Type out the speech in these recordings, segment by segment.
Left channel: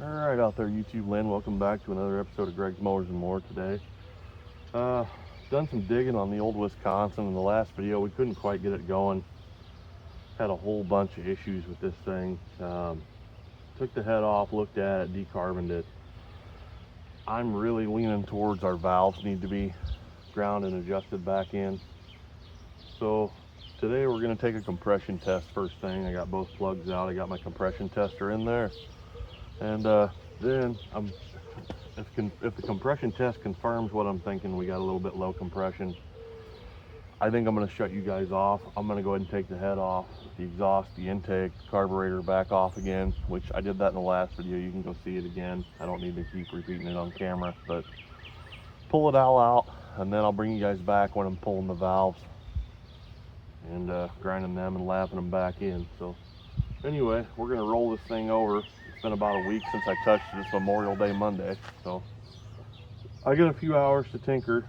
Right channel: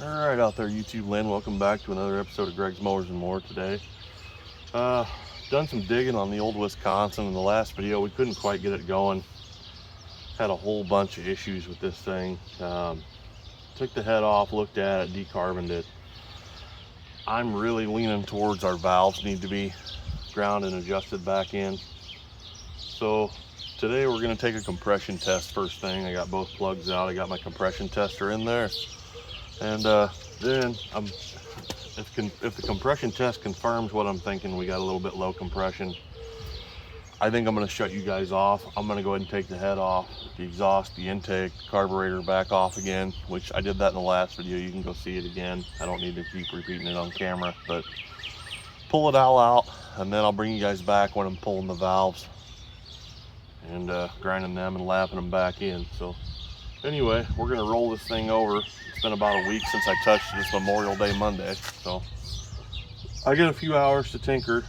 All right, out there, YouTube land, welcome back to another episode of Greg's Mowers and More today. Done some digging on the old Wisconsin. In the last video, we couldn't quite get it going. Had a whole bunch of issues with this thing. Took the head off, looked at it, decarboned it. I'm really leaning towards our valves need to be ground and adjusted back in. So today we're going to take a compression test first thing. I got both plugs out. I got my compression tester in there. And then if the compression test confirms what I'm thinking, we got a little bit low compression, I think I'm going to shut you guys off. I'm going to go ahead and take the head off, the exhaust, the intake, the carburetor back off again, which I did that in the last video. You can go see it again. I don't need to keep repeating it on camera, but pull it all out, and then I'll bring you guys back when I'm pulling the valves and grinding them and lapping them back in. So anyway, we're going to roll this thing over. It's been about a week since I touched it. It's Memorial Day Monday, so I got a few hours to tinker.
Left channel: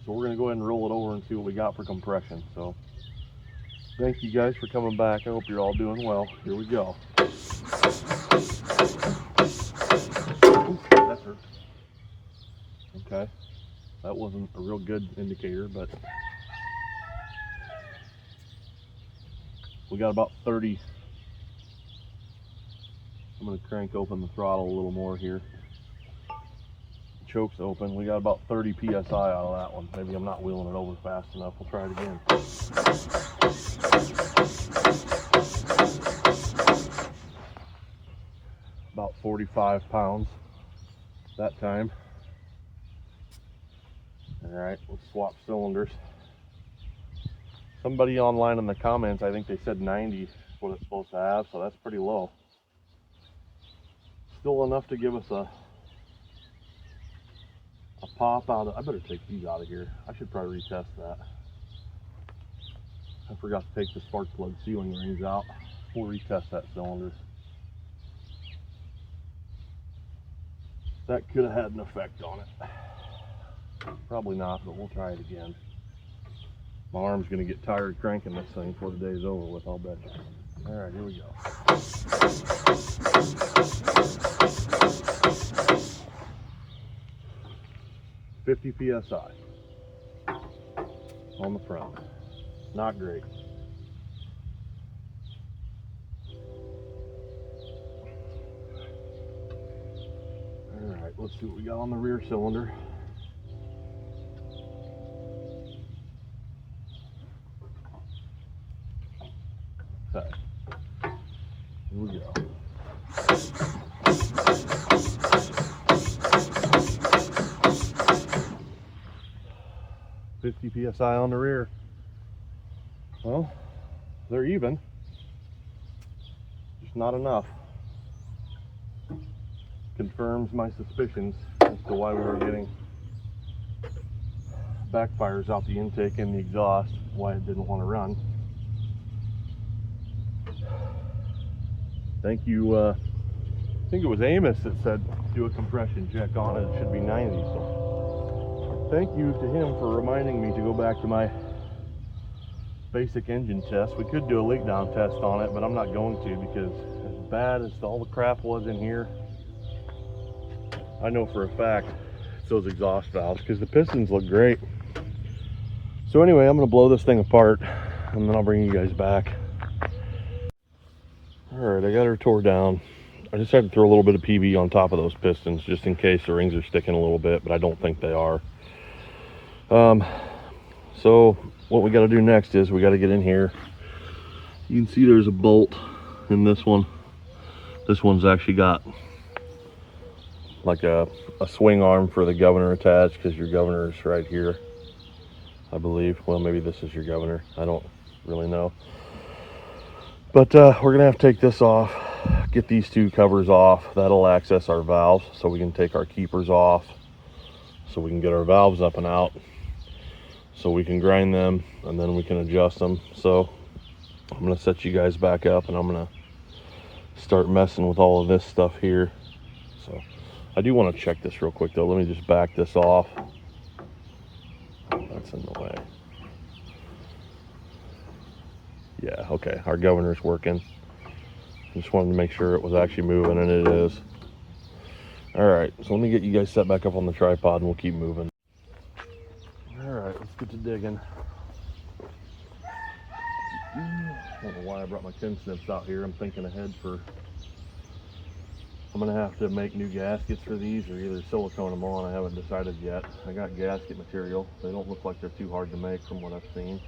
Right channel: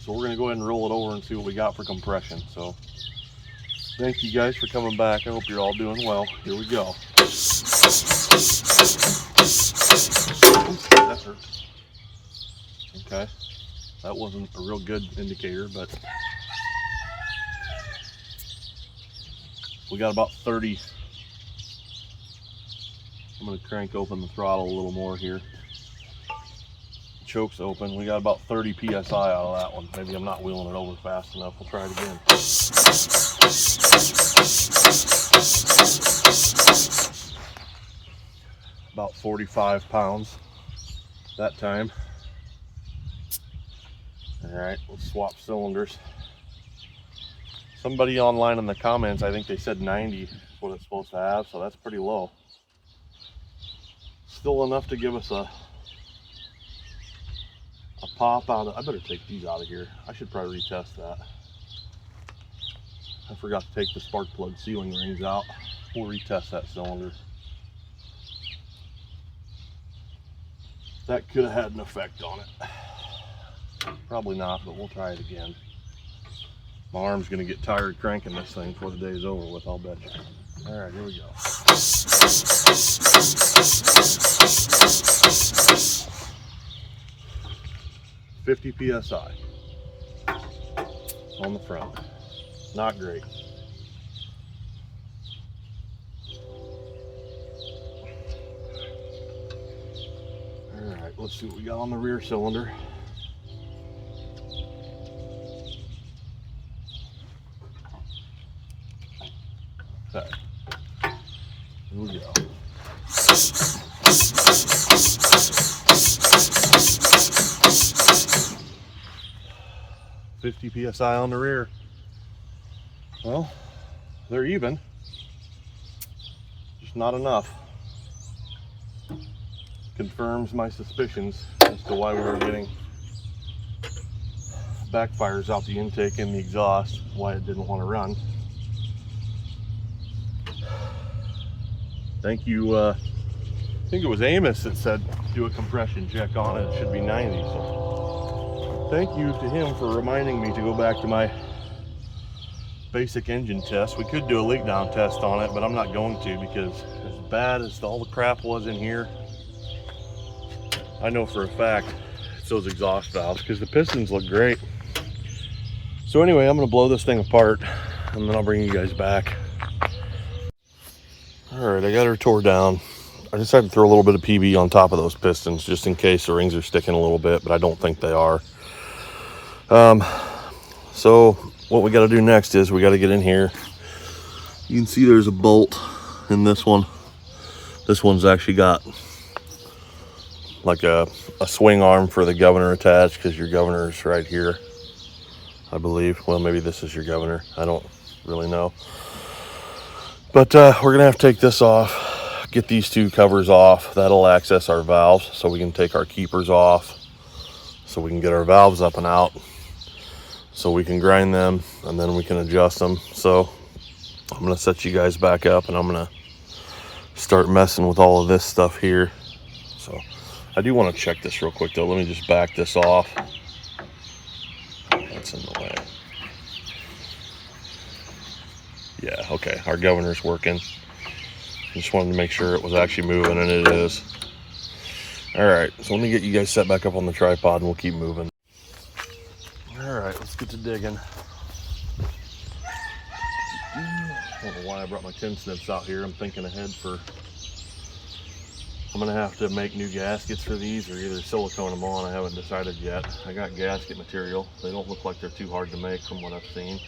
So we're going to go ahead and roll it over and see what we got for compression. So thank you guys for coming back. I hope you're all doing well. Here we go. Oops, that hurt. Okay, that wasn't a real good indicator, but we got about 30. I'm going to crank open the throttle a little more here. Choke's open. We got about 30 psi out of that one. Maybe I'm not wheeling it over fast enough. We'll try it again. About 45 pounds that time. All right, let's swap cylinders. Somebody online in the comments, I think they said 90 is what it's supposed to have, so that's pretty low. Still enough to give us a pop out of. I better take these out of here. I should probably retest that. I forgot to take the spark plug sealing rings out. We'll retest that cylinder. That could have had an effect on it. Probably not, but we'll try it again. My arm's gonna get tired cranking this thing before the day's over with, I'll bet you. All right, here we go. 50 psi on the front. Not great. All right, let's see what we got on the rear cylinder. Okay, here we go. 50 psi on the rear. Well, they're even, just not enough. Confirms my suspicions as to why we were getting backfires out the intake and the exhaust, why it didn't want to run. Thank you, I think it was Amos that said do a compression check on it. It should be 90. So thank you to him for reminding me to go back to my basic engine test. We could do a leak down test on it, but I'm not going to, because as bad as all the crap was in here, I know for a fact it's those exhaust valves, because the pistons look great. So anyway, I'm going to blow this thing apart and then I'll bring you guys back. All right, I got her tore down. I decided to throw a little bit of PB on top of those pistons just in case the rings are sticking a little bit, but I don't think they are. So what we got to do next is we got to get in here. You can see there's a bolt in this one. This one's actually got like a swing arm for the governor attached, because your governor is right here, I believe. Well, maybe this is your governor. I don't really know. But we're gonna have to take this off, get these two covers off. That'll access our valves, so we can take our keepers off, so we can get our valves up and out, so we can grind them and then we can adjust them. So I'm gonna set you guys back up and I'm gonna start messing with all of this stuff here. So I do want to check this real quick though. Let me just back this off. That's in the way. Yeah, okay, our governor's working. Just wanted to make sure it was actually moving, and it is. All right, so let me get you guys set back up on the tripod and we'll keep moving. All right, let's get to digging. I don't know why I brought my tin snips out here. I'm thinking ahead for, I'm gonna have to make new gaskets for these or either silicone them on. I haven't decided yet. I got gasket material. They don't look like they're too hard to make from what I've seen.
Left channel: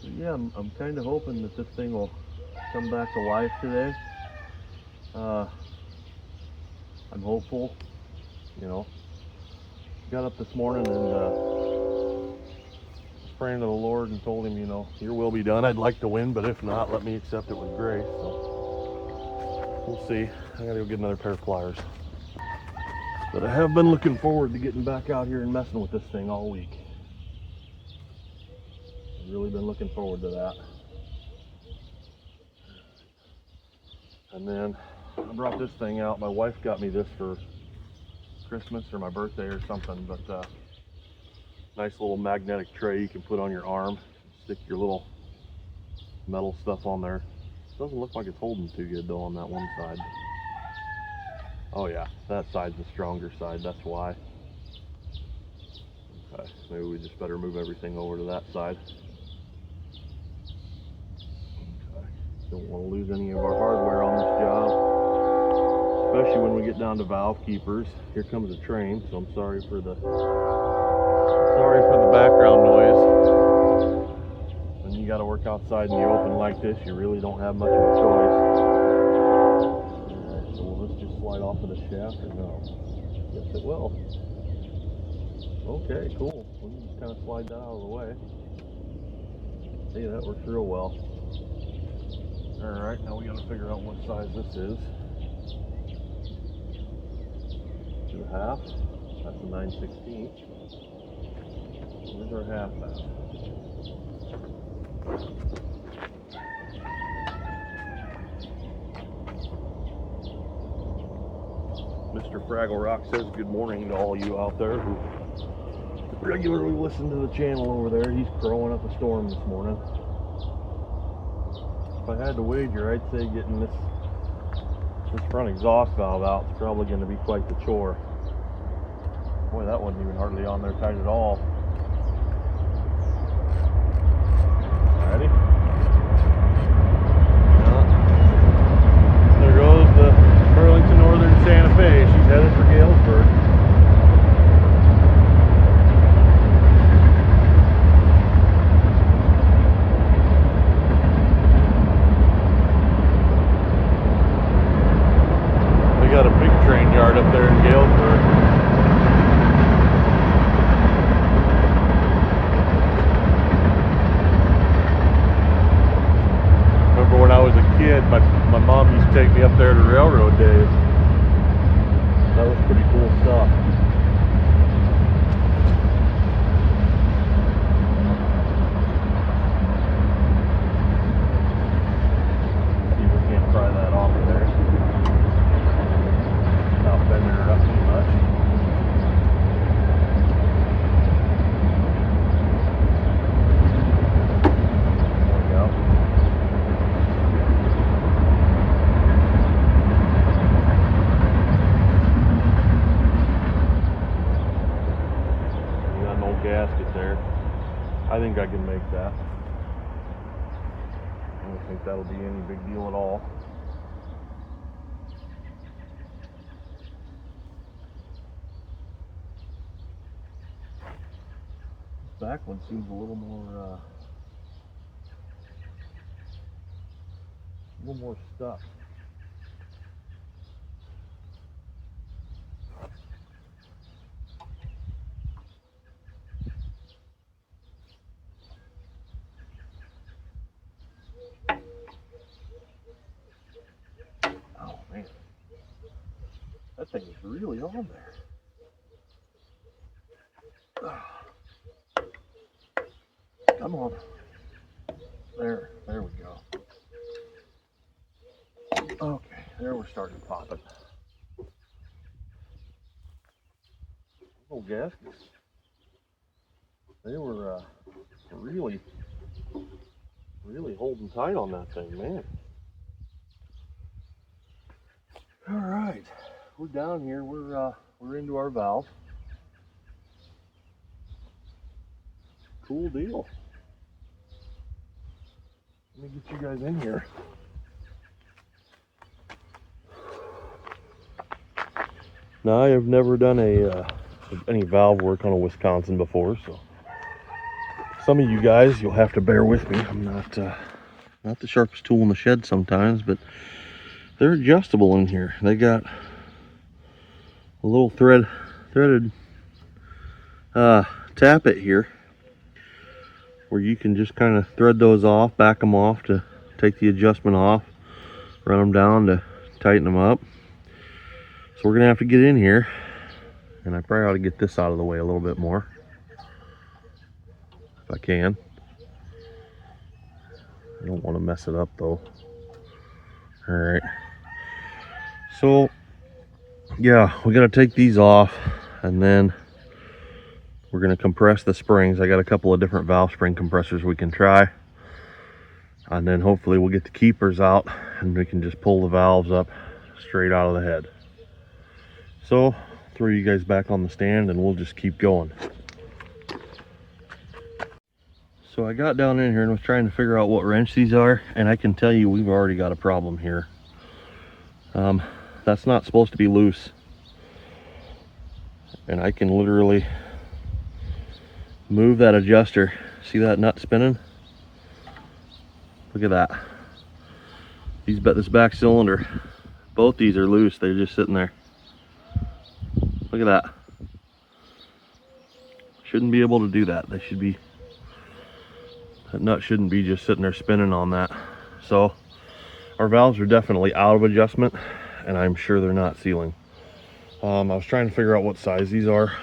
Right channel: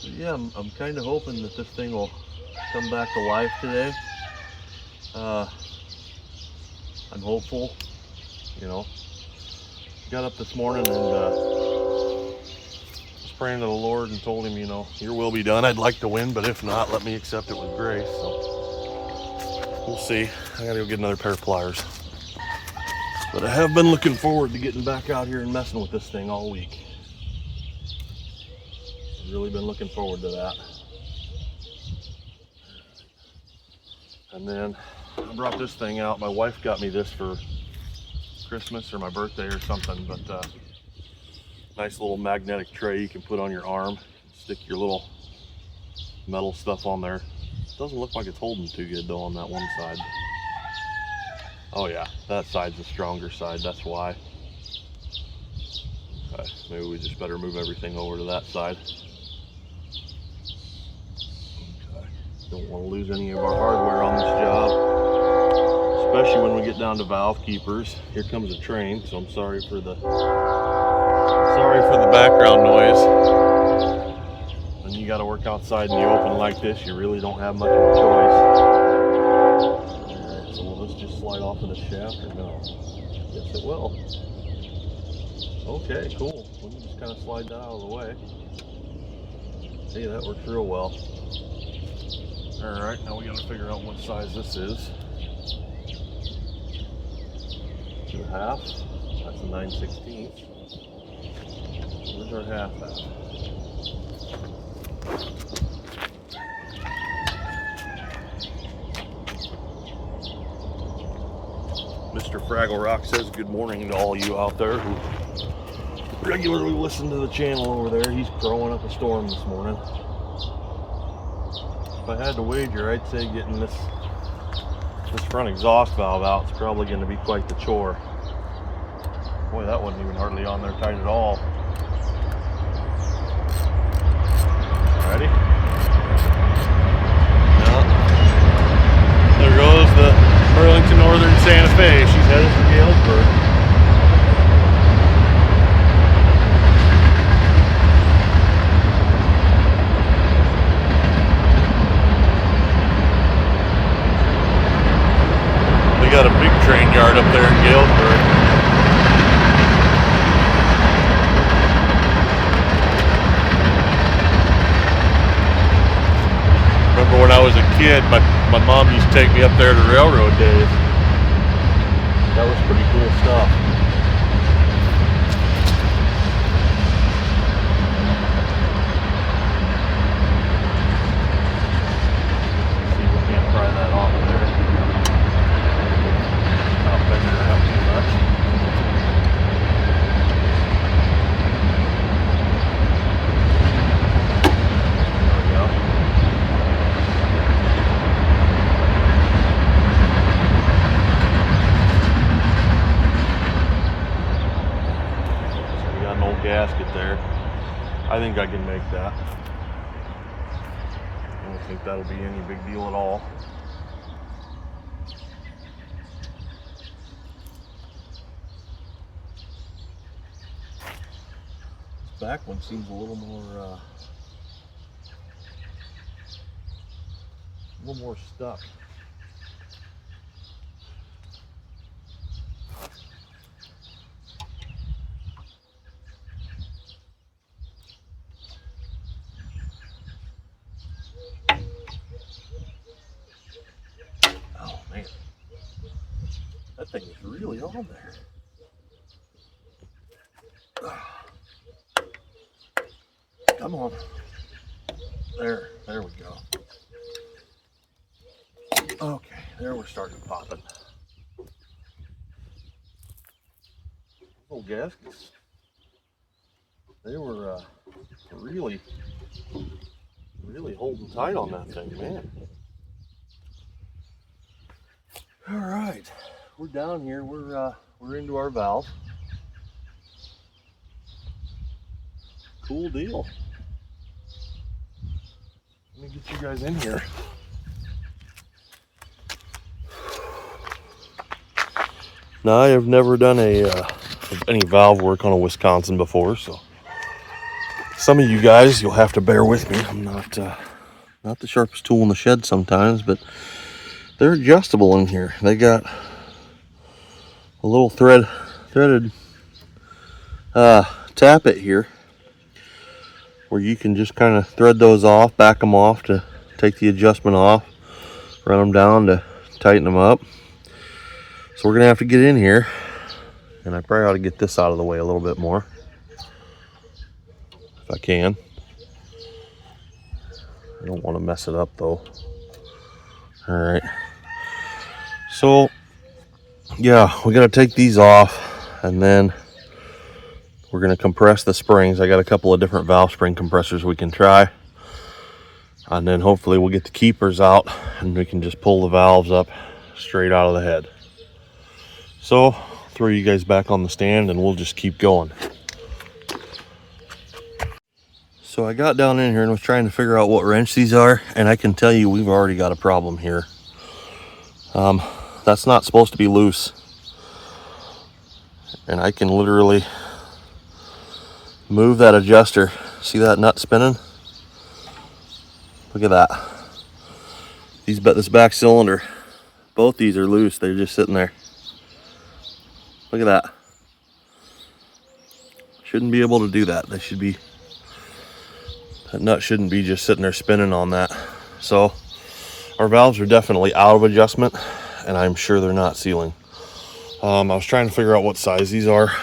So yeah, I'm kind of hoping that this thing will come back to life today. I'm hopeful, you know. Got up this morning and was praying to the Lord and told him, you know, your will be done. I'd like to win, but if not, let me accept it with grace. So we'll see. I gotta go get another pair of pliers. But I have been looking forward to getting back out here and messing with this thing all week. I've really been looking forward to that. And then I brought this thing out. My wife got me this for Christmas or my birthday or something, but nice little magnetic tray you can put on your arm. Stick your little metal stuff on there. Doesn't look like it's holding too good though on that one side. Oh yeah, that side's the stronger side, that's why. Okay, maybe we just better move everything over to that side. Okay, don't want to lose any of our hardware on this job, especially when we get down to valve keepers. Here comes a train, so I'm sorry for the background noise. When you got to work outside in the open like this, you really don't have much of a choice. Alright, so will this just slide off of the shaft or no? Yes, it will. Okay, cool. We can just kind of slide that out of the way. Hey, that works real well. Alright, now we got to figure out what size this is. 2.5. That's a 9/16. Where's our half at? Mr. Fraggle Rock says good morning to all you out there who regularly listen to the channel over there. He's crowing up a storm this morning. If I had to wager, I'd say getting this front exhaust valve out is probably going to be quite the chore. Boy, that wasn't even hardly on there tight at all. Alrighty. Well, there goes the Burlington Northern Santa Fe. She's headed for Galesburg. They got a big train yard up there in Galesburg. Remember when I was a kid, my mom used to take me up there to railroad days. That was pretty cool stuff. See if we can't pry that off of there. Not bending her up too much. There we go. So we got an old gasket there. I think I can make that. I don't think that'll be any big deal at all. This back one seems a little more stuck. Oh man, that thing is really on there. Come on. There we go. Okay, there we're starting popping. Little gaskets. They were really Really holding tight on that thing, man. All right, we're down here. We're into our valve. Cool deal. Let me get you guys in here. Now, I have never done any valve work on a Wisconsin before, so some of you guys, you'll have to bear with me. I'm not the sharpest tool in the shed sometimes, but they're adjustable in here. They got a little threaded tappet here where you can just kind of thread those off, back them off to take the adjustment off, run them down to tighten them up. So we're gonna have to get in here, and I probably ought to get this out of the way a little bit more if I can. I don't want to mess it up though. All right, so yeah, we got to take these off, and then we're going to compress the springs. I got a couple of different valve spring compressors we can try, and then hopefully we'll get the keepers out and we can just pull the valves up straight out of the head. So I'll throw you guys back on the stand and we'll just keep going. So I got down in here and was trying to figure out what wrench these are, and I can tell you we've already got a problem here. That's not supposed to be loose, and I can literally move that adjuster. See that nut spinning? Look at that. This back cylinder, both these are loose. They're just sitting there. Look at that. Shouldn't be able to do that. That nut shouldn't be just sitting there spinning on that. So our valves are definitely out of adjustment, and I'm sure they're not sealing. I was trying to figure out what size these are.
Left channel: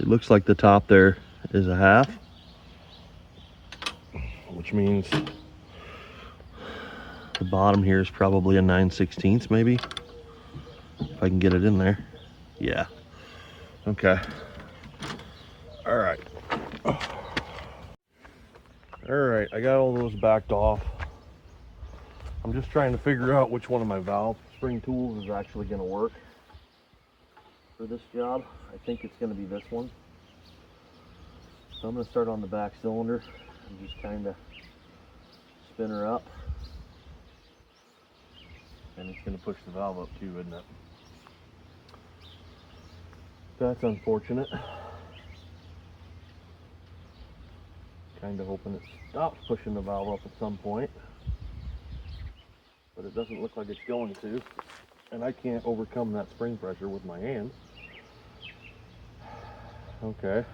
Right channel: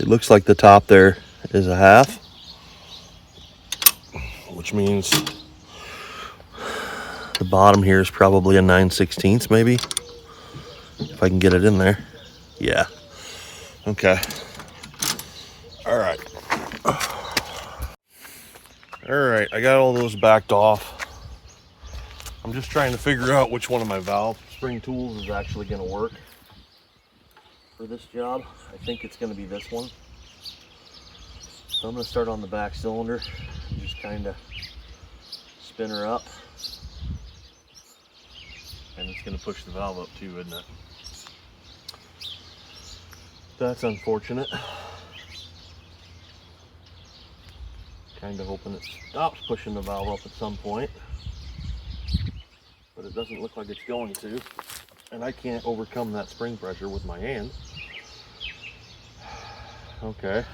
It looks like the top there is a 1/2, which means the bottom here is probably a 9/16 maybe, if I can get it in there. Yeah. Okay. All right. All right, I got all those backed off. I'm just trying to figure out which one of my valve spring tools is actually going to work for this job. I think it's going to be this one. So I'm going to start on the back cylinder and just kind of spin her up. And it's going to push the valve up too, isn't it? That's unfortunate. Kind of hoping it stops pushing the valve up at some point, but it doesn't look like it's going to, and I can't overcome that spring pressure with my hand. Okay,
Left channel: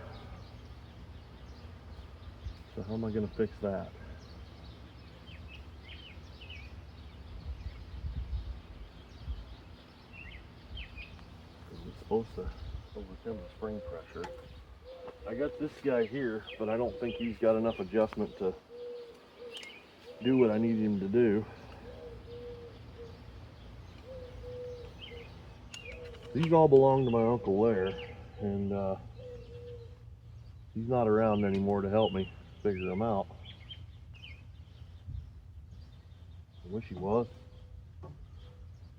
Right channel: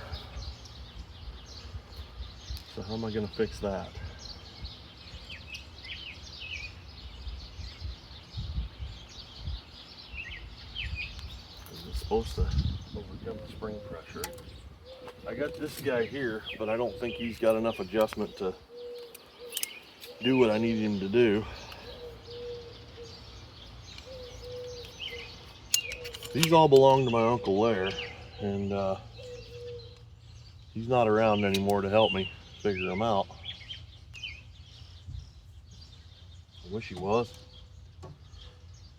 so how am I going to fix that? Is it supposed to overcome the spring pressure? I got this guy here, but I don't think he's got enough adjustment to do what I need him to do. These all belong to my Uncle Lair, and he's not around anymore to help me figure them out. I wish he was,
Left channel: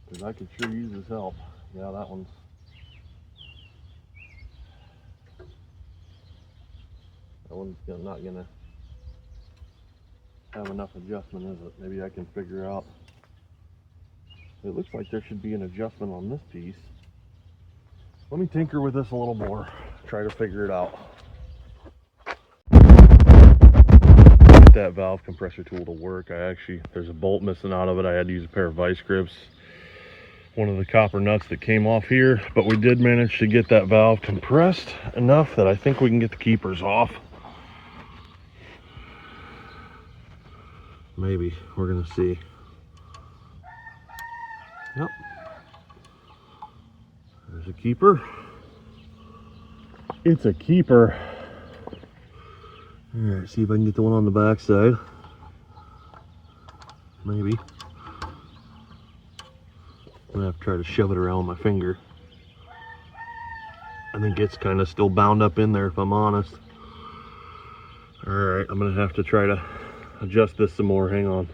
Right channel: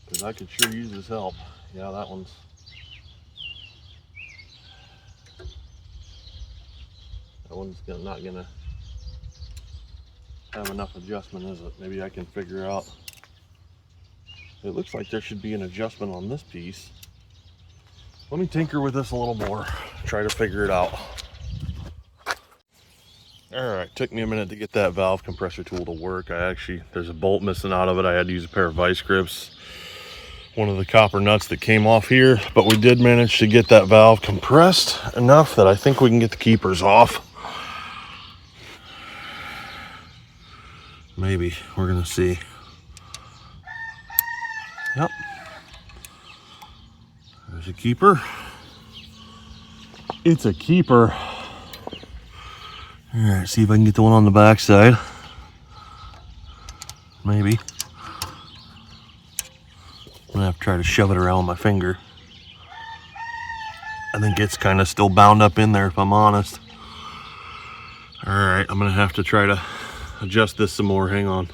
because I could sure use his help. Yeah, that one's... That one's not gonna have enough adjustment, is it? Maybe I can figure out. It looks like there should be an adjustment on this piece. Let me tinker with this a little more, try to figure it out. Alright, took me a minute to get that valve compressor tool to work. There's a bolt missing out of it. I had to use a pair of vice grips, one of the copper nuts that came off here, but we did manage to get that valve compressed enough that I think we can get the keepers off. Maybe, we're gonna see. Yep. There's a keeper. It's a keeper. All right, see if I can get the one on the back side. Maybe. I'm gonna have to try to shove it around my finger. I think it's kind of still bound up in there, if I'm honest. All right, I'm gonna have to try to adjust this some more. Hang on.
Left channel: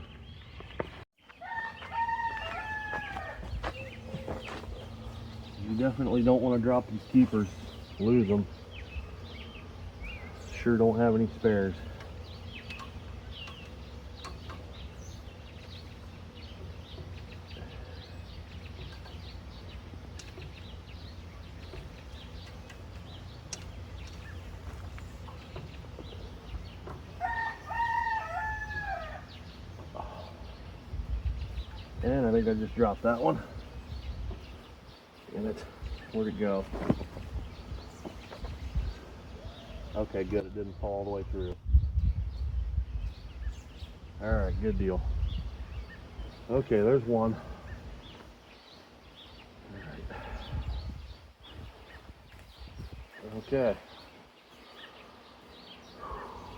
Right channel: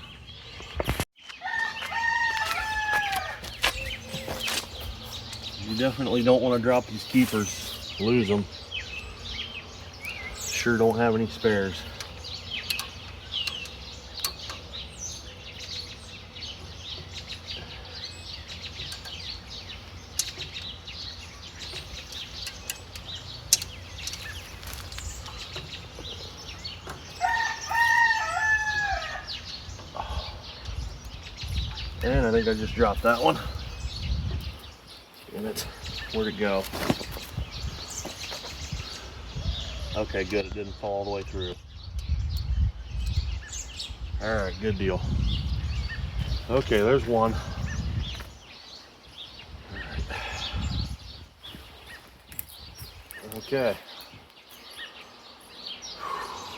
You definitely don't want to drop these keepers, lose them. Sure don't have any spares. And I think I just dropped that one. And where'd it go? Okay, good. It didn't fall all the way through. All right, good deal. Okay, there's one. All right. Okay.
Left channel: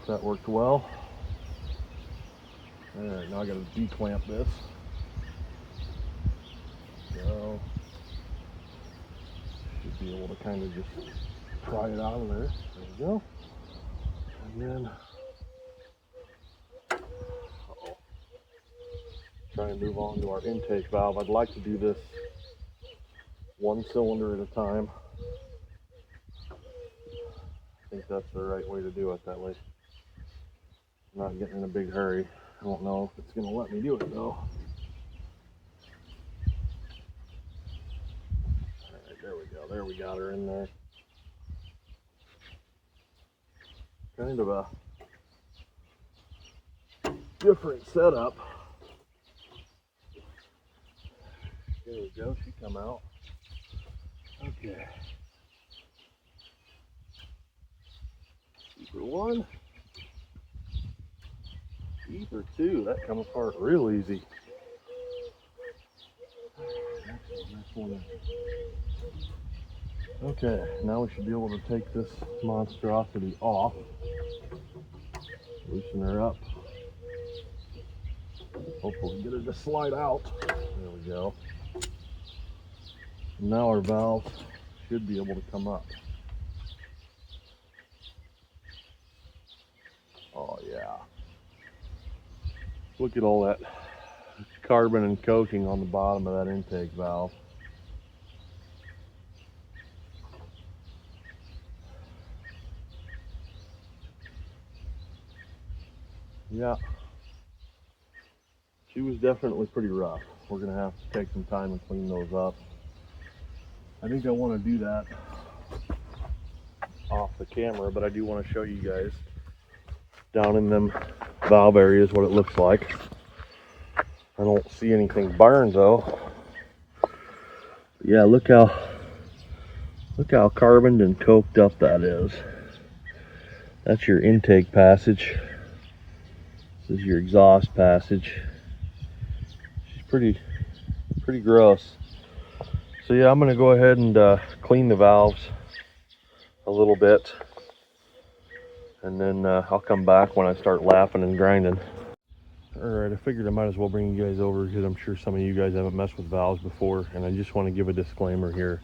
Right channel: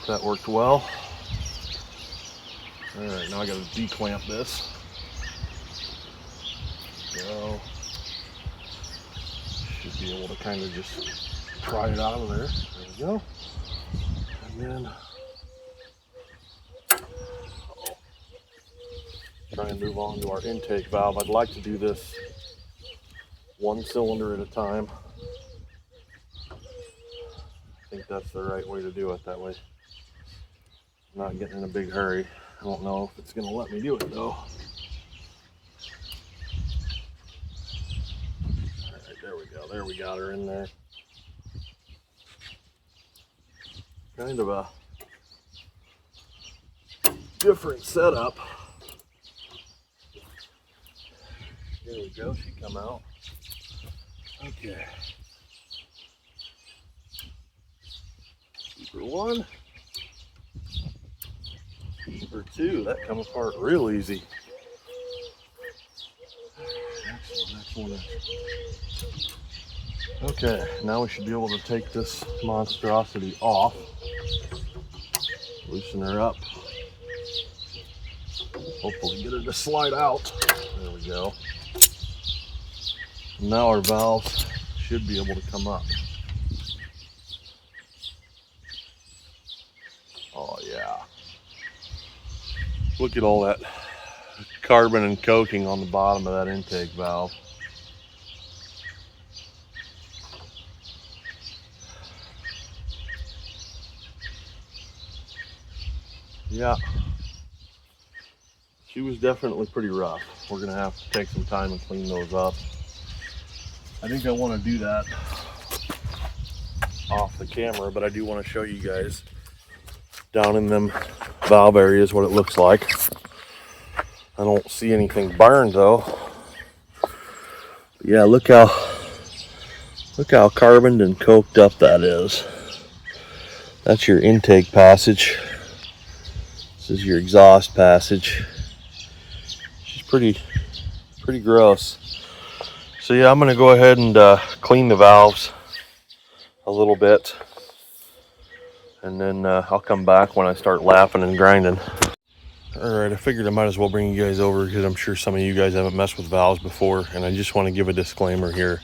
That worked well. All right, now I got to declamp this. So, should be able to kind of just pry it out of there. There we go. And then, try and move on to our intake valve. I'd like to do this one cylinder at a time. I think that's the right way to do it that way. I'm not getting in a big hurry. I don't know if it's going to let me do it though. There we got her in there. Kind of a different setup. There we go, she come out. Okay. Keeper one. Keeper two. That come apart real easy. Next one. Okay, now we should be able to take this monstrosity off, loosen her up, hopefully get her to slide out. There we go. Now our valves should be able to come up. Oh yeah. Look at all that carbon and coating on the bottom of that intake valve. Yeah, she was definitely pretty rough. We're gonna have to take some time and clean those up. I think I want to do that off the camera, but I do want to show you guys down in them valve areas what it looks like. I don't see anything burned though. But yeah, look how carboned and coked up that is. That's your intake passage. This is your exhaust passage. She's pretty gross. So yeah, I'm gonna go ahead and clean the valves a little bit, and then I'll come back when I start lapping and grinding. All right, I figured I might as well bring you guys over because I'm sure some of you guys haven't messed with valves before, and I just want to give a disclaimer here.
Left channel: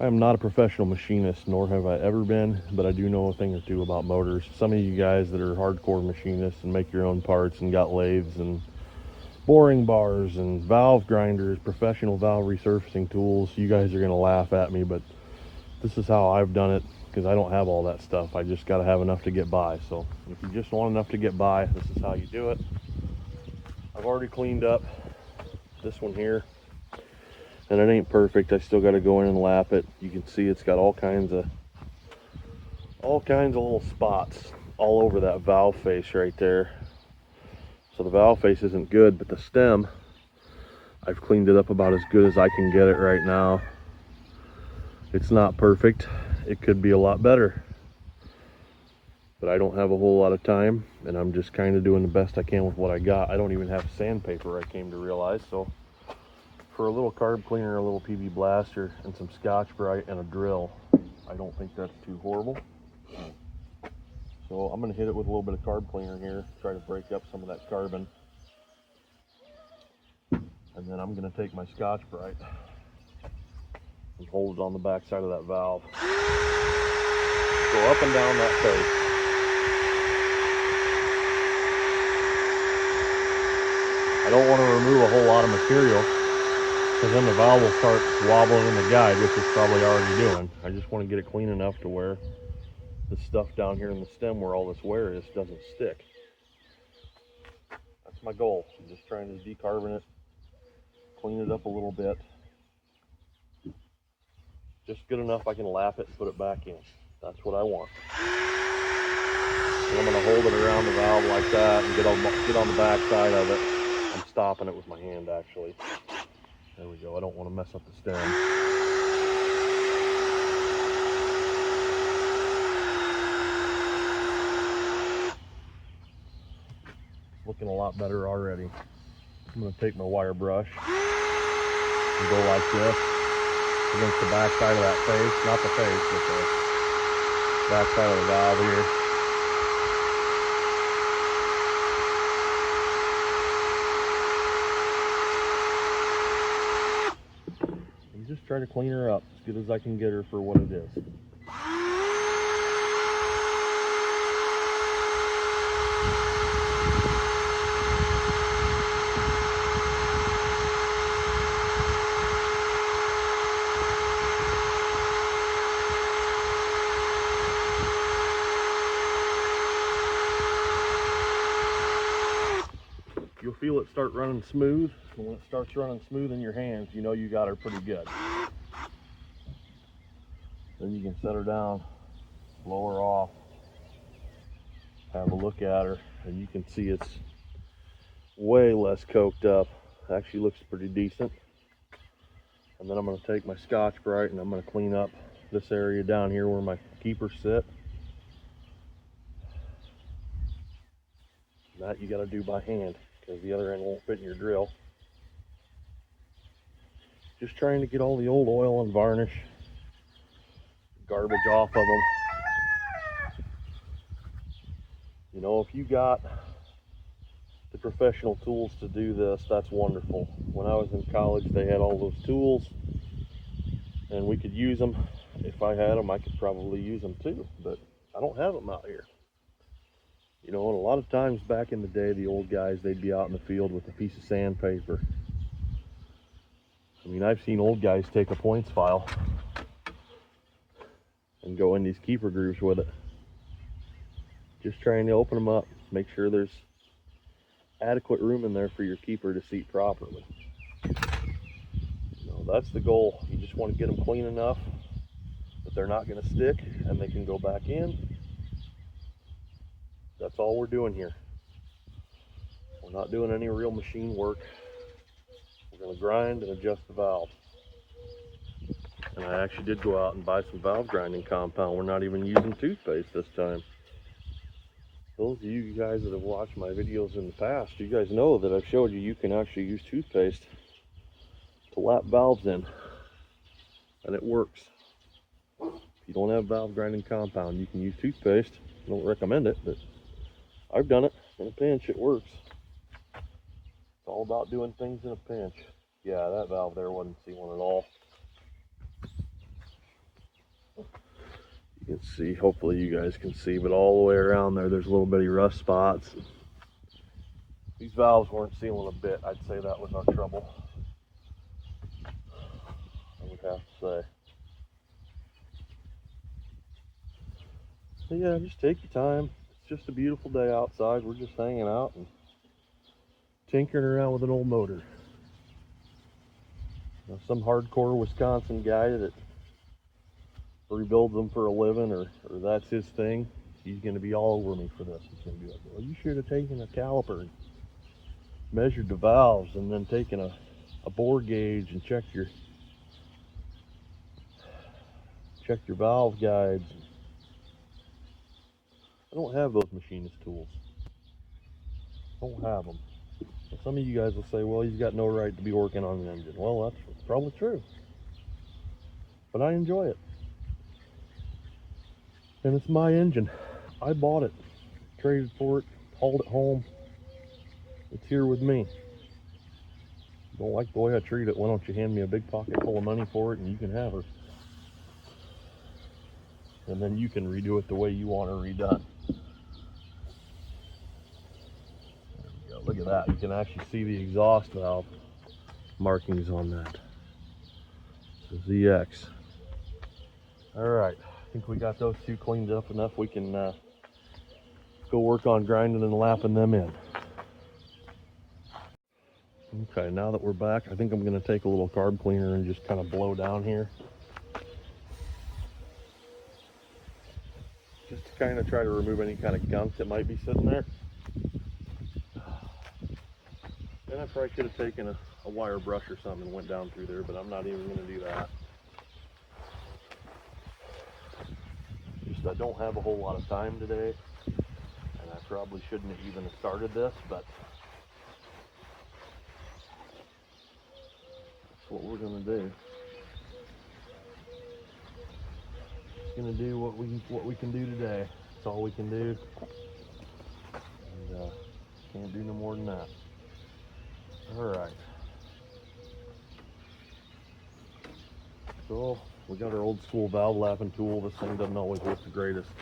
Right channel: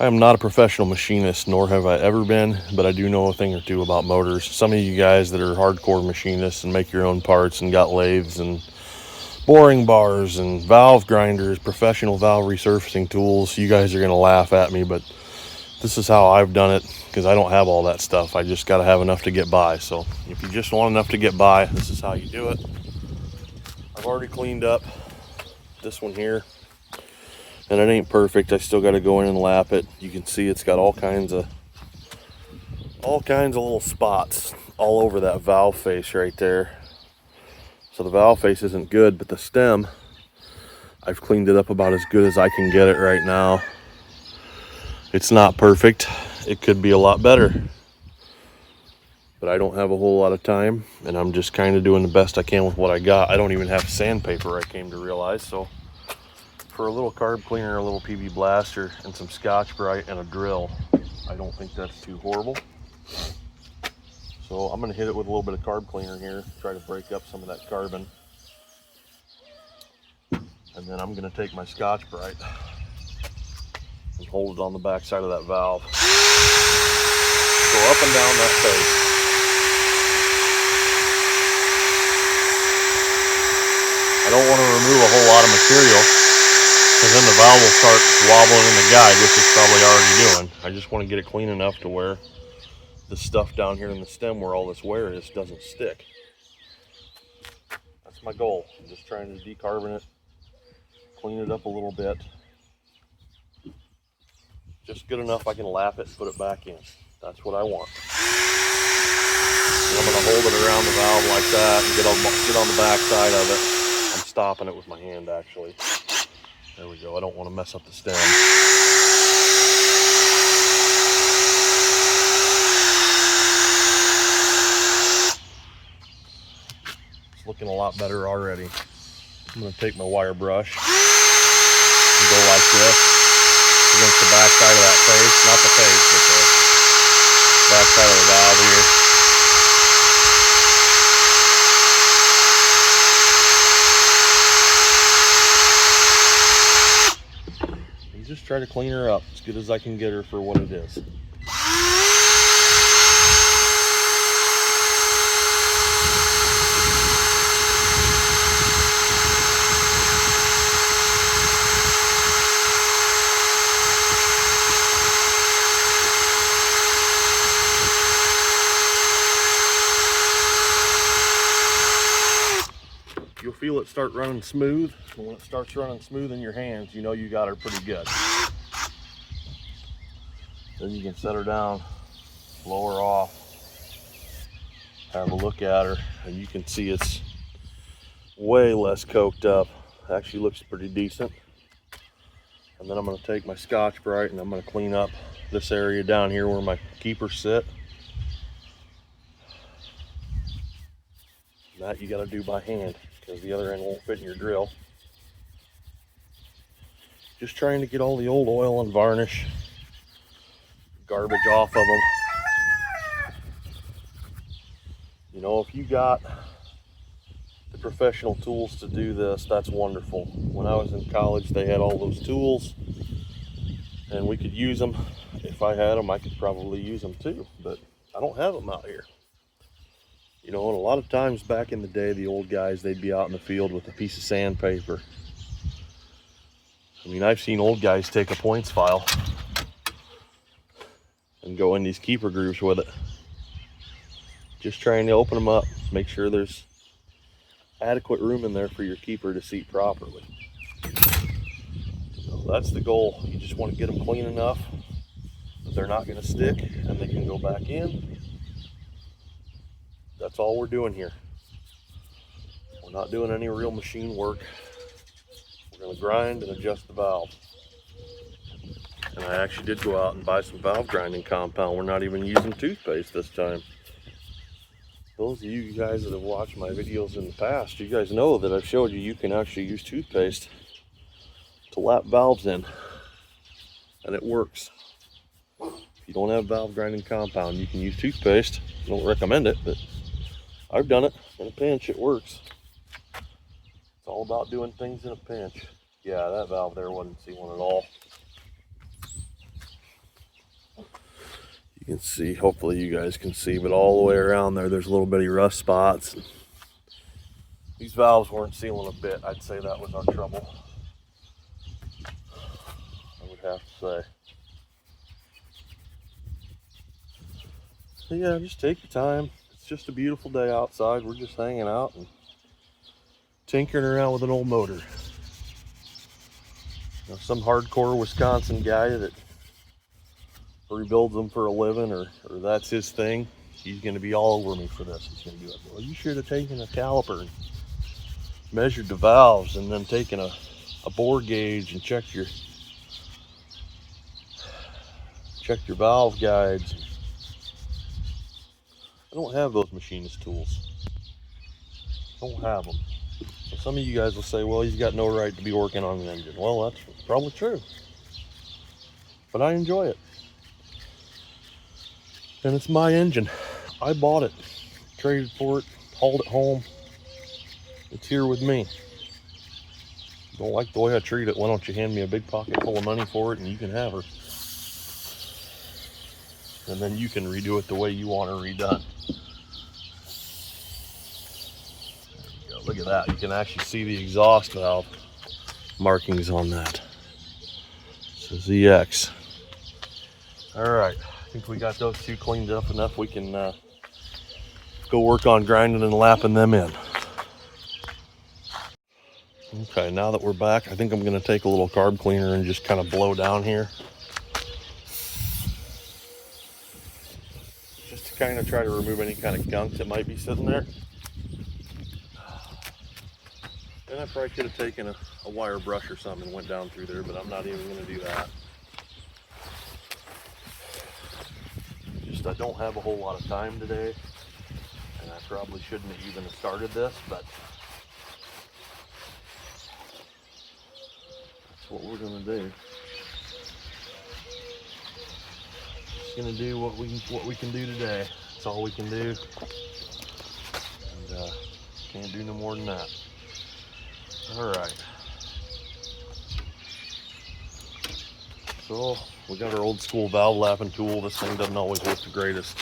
I am not a professional machinist, nor have I ever been, but I do know a thing or two about motors. Some of you guys that are hardcore machinists and make your own parts and got lathes and boring bars and valve grinders, professional valve resurfacing tools, you guys are going to laugh at me, but this is how I've done it because I don't have all that stuff. I just got to have enough to get by. So if you just want enough to get by, this is how you do it. I've already cleaned up this one here. And it ain't perfect. I still got to go in and lap it. You can see it's got all kinds of little spots all over that valve face right there. So the valve face isn't good, but the stem, I've cleaned it up about as good as I can get it right now. It's not perfect. It could be a lot better. But I don't have a whole lot of time, and I'm just kind of doing the best I can with what I got. I don't even have sandpaper, I came to realize, so for a little carb cleaner, a little PB blaster, and some Scotch-Brite and a drill, I don't think that's too horrible. So I'm going to hit it with a little bit of carb cleaner here, try to break up some of that carbon. And then I'm going to take my Scotch-Brite and hold it on the back side of that valve. Go up and down that face. I don't want to remove a whole lot of material, because then the valve will start wobbling in the guide, which it's probably already doing. I just want to get it clean enough to where the stuff down here in the stem where all this wear is doesn't stick. That's my goal. I'm just trying to decarbon it, clean it up a little bit. Just good enough I can lap it and put it back in. That's what I want. So I'm going to hold it around the valve like that and get on the back side of it. I'm stopping it with my hand actually. There we go. I don't want to mess up the stem. It's looking a lot better already. I'm going to take my wire brush and go like this against the back side of that face, not the face, but the back side of the valve here. And just try to clean her up as good as I can get her for what it is. You'll feel it start running smooth, and when it starts running smooth in your hands, you know you got her pretty good. Then you can set her down, blow her off, have a look at her, and you can see it's way less coked up. Actually looks pretty decent. And then I'm going to take my Scotch-Brite and I'm going to clean up this area down here where my keepers sit. That you got to do by hand, because the other end won't fit in your drill. Just trying to get all the old oil and varnish, garbage off of them. You know, if you got the professional tools to do this, that's wonderful. When I was in college, they had all those tools and we could use them. If I had them, I could probably use them too, but I don't have them out here. You know, and a lot of times back in the day, the old guys, they'd be out in the field with a piece of sandpaper. I mean, I've seen old guys take a points file and go in these keeper grooves with it. Just trying to open them up, make sure there's adequate room in there for your keeper to seat properly. So that's the goal. You just want to get them clean enough that they're not going to stick and they can go back in. That's all we're doing here. We're not doing any real machine work. We're going to grind and adjust the valve. And I actually did go out and buy some valve grinding compound. We're not even using toothpaste this time. Those of you guys that have watched my videos in the past, you guys know that I've showed you can actually use toothpaste to lap valves in. And it works. If you don't have valve grinding compound, you can use toothpaste. I don't recommend it, but I've done it in a pinch. It works. It's all about doing things in a pinch. Yeah, that valve there wasn't sealing at all. You can see, hopefully you guys can see, but all the way around there, there's little bitty rust spots. These valves weren't sealing a bit. I'd say that was our trouble. I would have to say. So yeah, just take your time. It's just a beautiful day outside. We're just hanging out and tinkering around with an old motor. You know, some hardcore Wisconsin guy that rebuilds them for a living, or that's his thing, he's going to be all over me for this. He's going to be like, well, you should have taken a caliper and measured the valves, and then taken a bore gauge and checked your valve guides. I don't have those machinist tools. I don't have them. So some of you guys will say, well, he's got no right to be working on an engine. Well, that's probably true. But I enjoy it. And it's my engine. I bought it, traded for it, hauled it home. It's here with me. If you don't like the way I treat it, why don't you hand me a big pocket full of money for it and you can have her. And then you can redo it the way you want her redone. There we go. Look at that. You can actually see the exhaust valve markings on that. So ZX. All right, I think we got those two cleaned up enough. We can go work on grinding and lapping them in. Okay, now that we're back, I think I'm gonna take a little carb cleaner and just kind of blow down here. Just to kind of try to remove any kind of gunk that might be sitting there. And I probably could have taken a wire brush or something and went down through there, but I'm not even gonna do that. Just I don't have a whole lot of time today, and I probably shouldn't have even started this, but that's what we're gonna do. Just gonna do what we can do today. That's all we can do, and can't do no more than that. All right. So we got our old school valve lapping tool. This thing doesn't always work the greatest.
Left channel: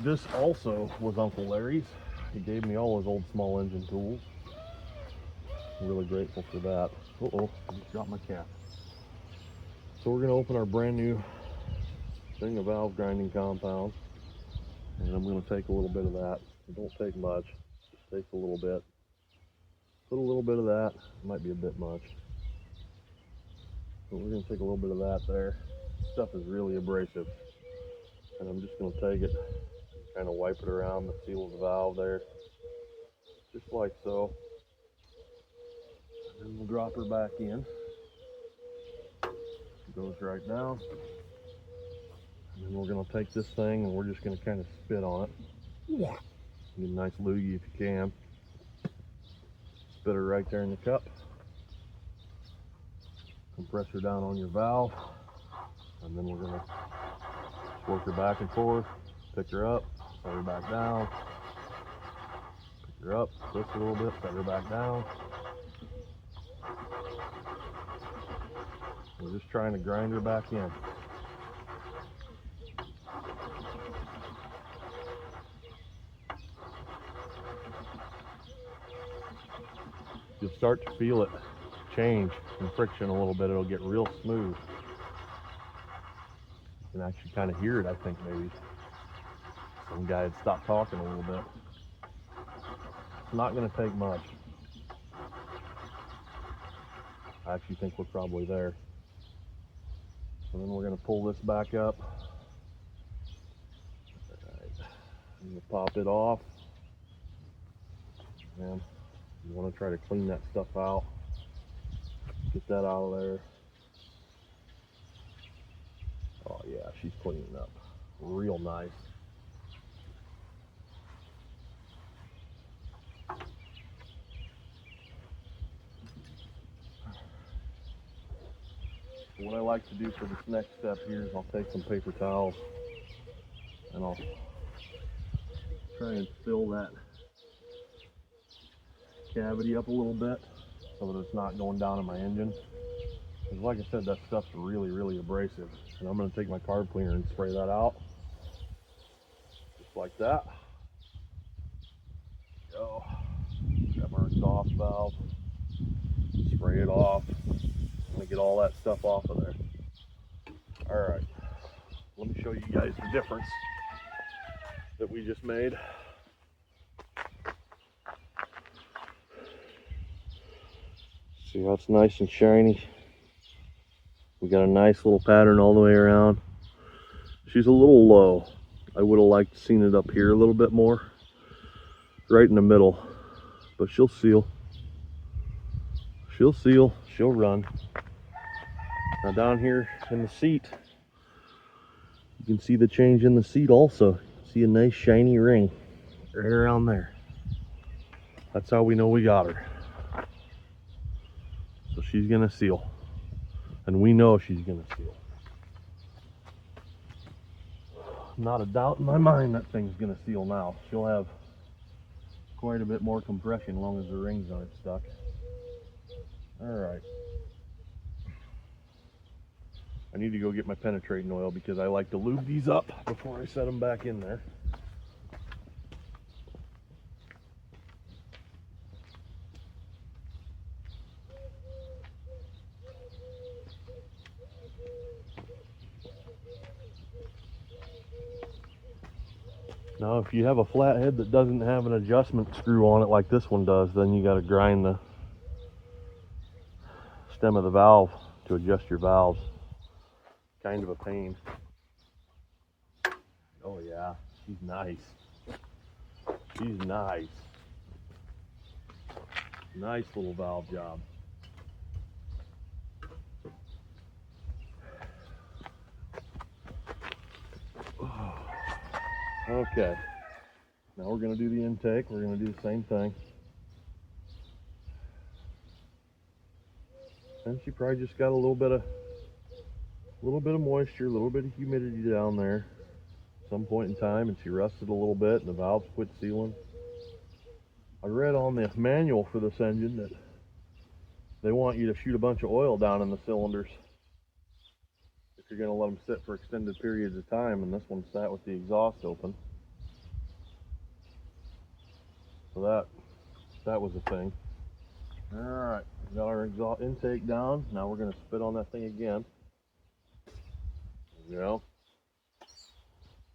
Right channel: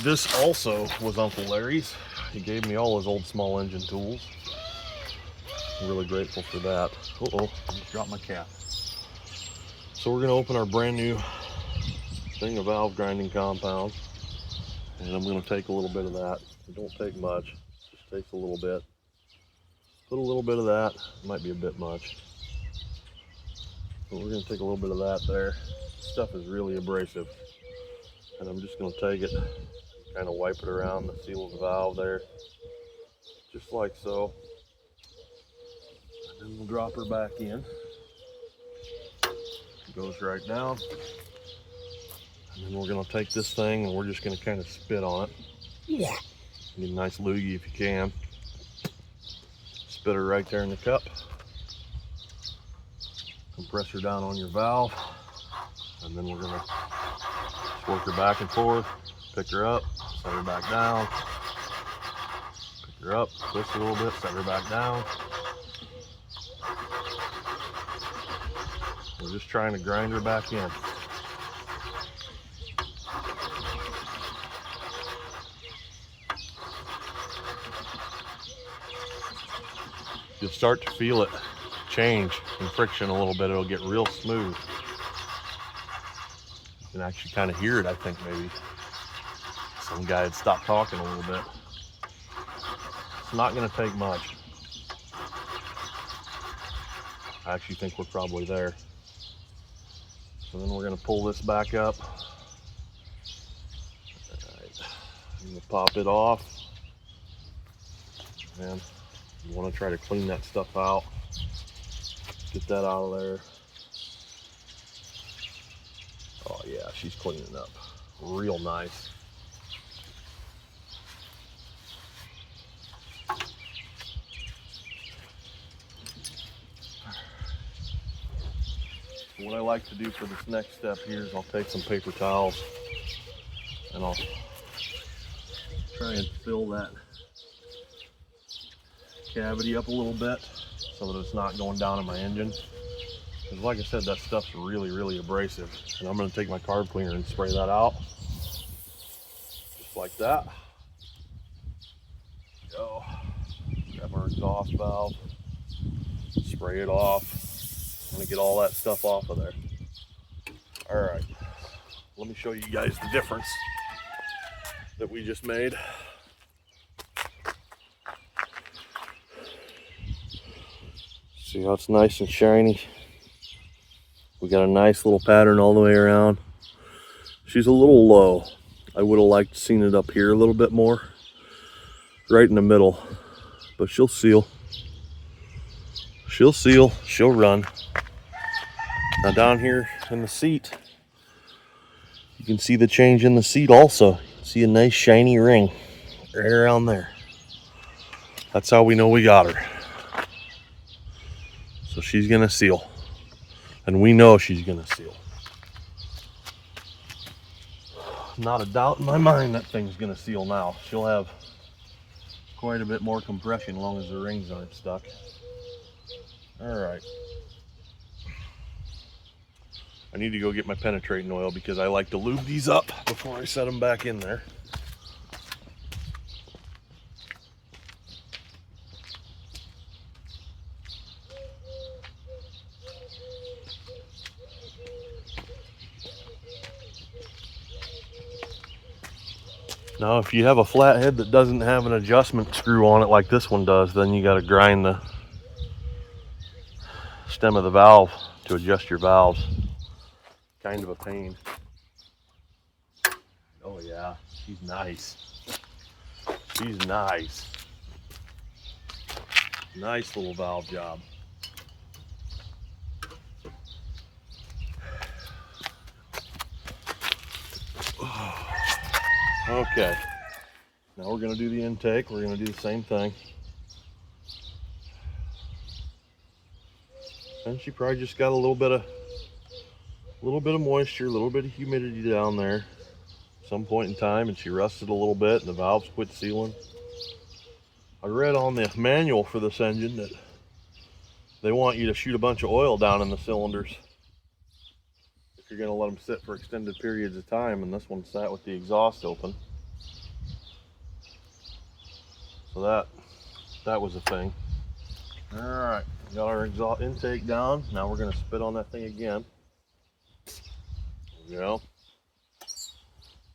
This also was Uncle Larry's. He gave me all his old small engine tools. I'm really grateful for that. Uh-oh, I just dropped my cap. So we're gonna open our brand new thing of valve grinding compound. And I'm gonna take a little bit of that. It don't take much, just takes a little bit. Put a little bit of that, might be a bit much. But we're gonna take a little bit of that there. This stuff is really abrasive. And I'm just gonna take it, kind of wipe it around the seal of the valve there. Just like so. And then we'll drop her back in. It goes right down. And then we're gonna take this thing and we're just gonna kind of spit on it. Yeah. Get a nice loogie if you can. Spit her right there in the cup. Compress her down on your valve. And then we're gonna work her back and forth, pick her up, set her back down. Pick her up, twist a little bit, set her back down. We're just trying to grind her back in. You'll start to feel it change in friction a little bit. It'll get real smooth. You can actually kind of hear it, I think, maybe. Some guy had stopped talking a little bit. It's not going to take much. I actually think we're probably there. And then we're going to pull this back up. All right. I'm going to pop it off. And you want to try to clean that stuff out. Get that out of there. Oh yeah, she's cleaning up real nice. What I like to do for this next step here is I'll take some paper towels and I'll try and fill that cavity up a little bit so that it's not going down in my engine. Because like I said, that stuff's really abrasive. And I'm going to take my carb cleaner and spray that out. Just like that. Go. Grab our exhaust valve. Spray it off. I'm going to get all that stuff off of there. Alright. Let me show you guys the difference that we just made. See how it's nice and shiny? We got a nice little pattern all the way around. She's a little low. I would have liked to seen it up here a little bit more. Right in the middle. But she'll seal. She'll seal. She'll run. Now down here in the seat, you can see the change in the seat also. See a nice shiny ring right around there. That's how we know we got her. So she's gonna seal. And we know she's gonna seal. Not a doubt in my mind that thing's gonna seal now. She'll have quite a bit more compression as long as the rings aren't stuck. All right. I need to go get my penetrating oil because I like to lube these up before I set them back in there. Now, if you have a flathead that doesn't have an adjustment screw on it like this one does, then you got to grind the stem of the valve to adjust your valves. Kind of a pain. Oh yeah, she's nice. She's nice. Nice little valve job. Okay, now we're going to do the intake. We're going to do the same thing. And she probably just got a little bit of moisture, a little bit of humidity down there at some point in time, and she rusted a little bit and the valves quit sealing. I read on the manual for this engine that they want you to shoot a bunch of oil down in the cylinders if you're going to let them sit for extended periods of time, and this one sat with the exhaust open. So that was a thing. All right, got our exhaust intake down. Now we're going to spit on that thing again. There we go.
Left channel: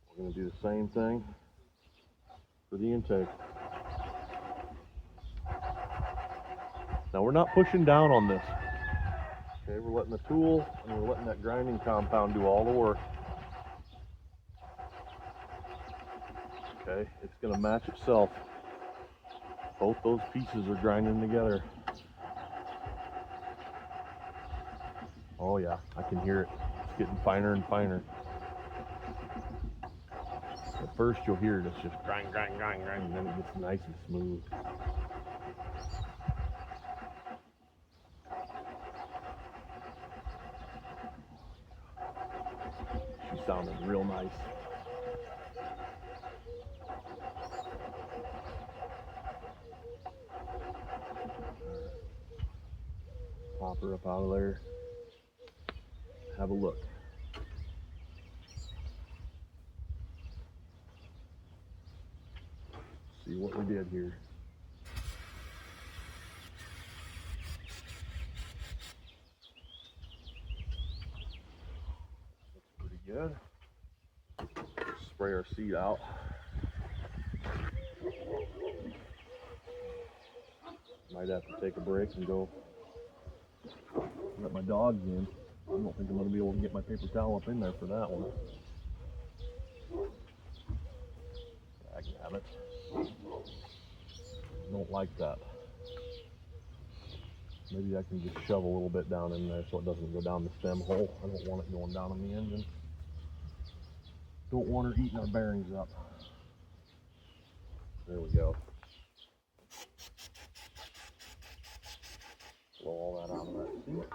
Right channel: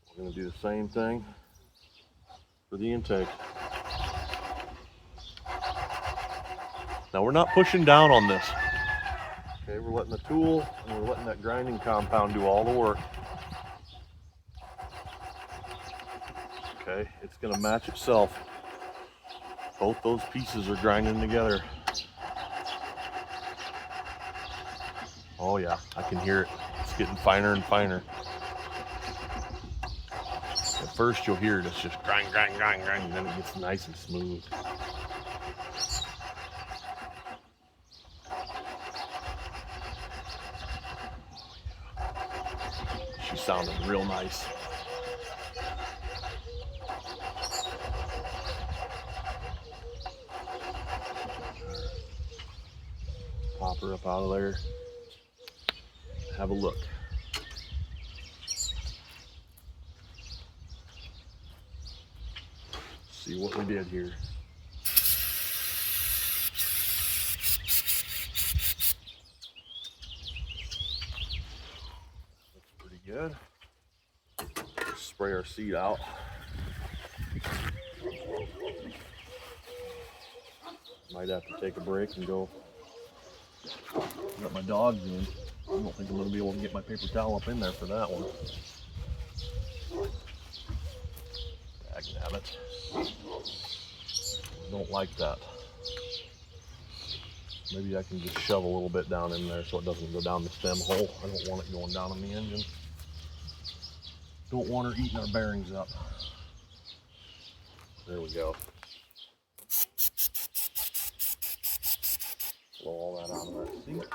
We're going to do the same thing for the intake. Now we're not pushing down on this. Okay, we're letting the tool and we're letting that grinding compound do all the work. Okay, it's going to match itself. Both those pieces are grinding together. Oh yeah, I can hear it. It's getting finer and finer. At first you'll hear it, it's just grind, grind, grind, grind, and then it gets nice and smooth. She's sounding real nice. Pop her up out of there. Have a look. See what we did here. Looks pretty good. Spray our seat out. Might have to take a break and go let my dogs in. I don't think I'm going to be able to get my paper towel up in there for that one. Dagnabbit. I don't like that. Maybe I can just shove a little bit down in there so it doesn't go down the stem hole. I don't want it going down in the engine. Don't want her eating our bearings up. There we go. Blow all that out of that seat.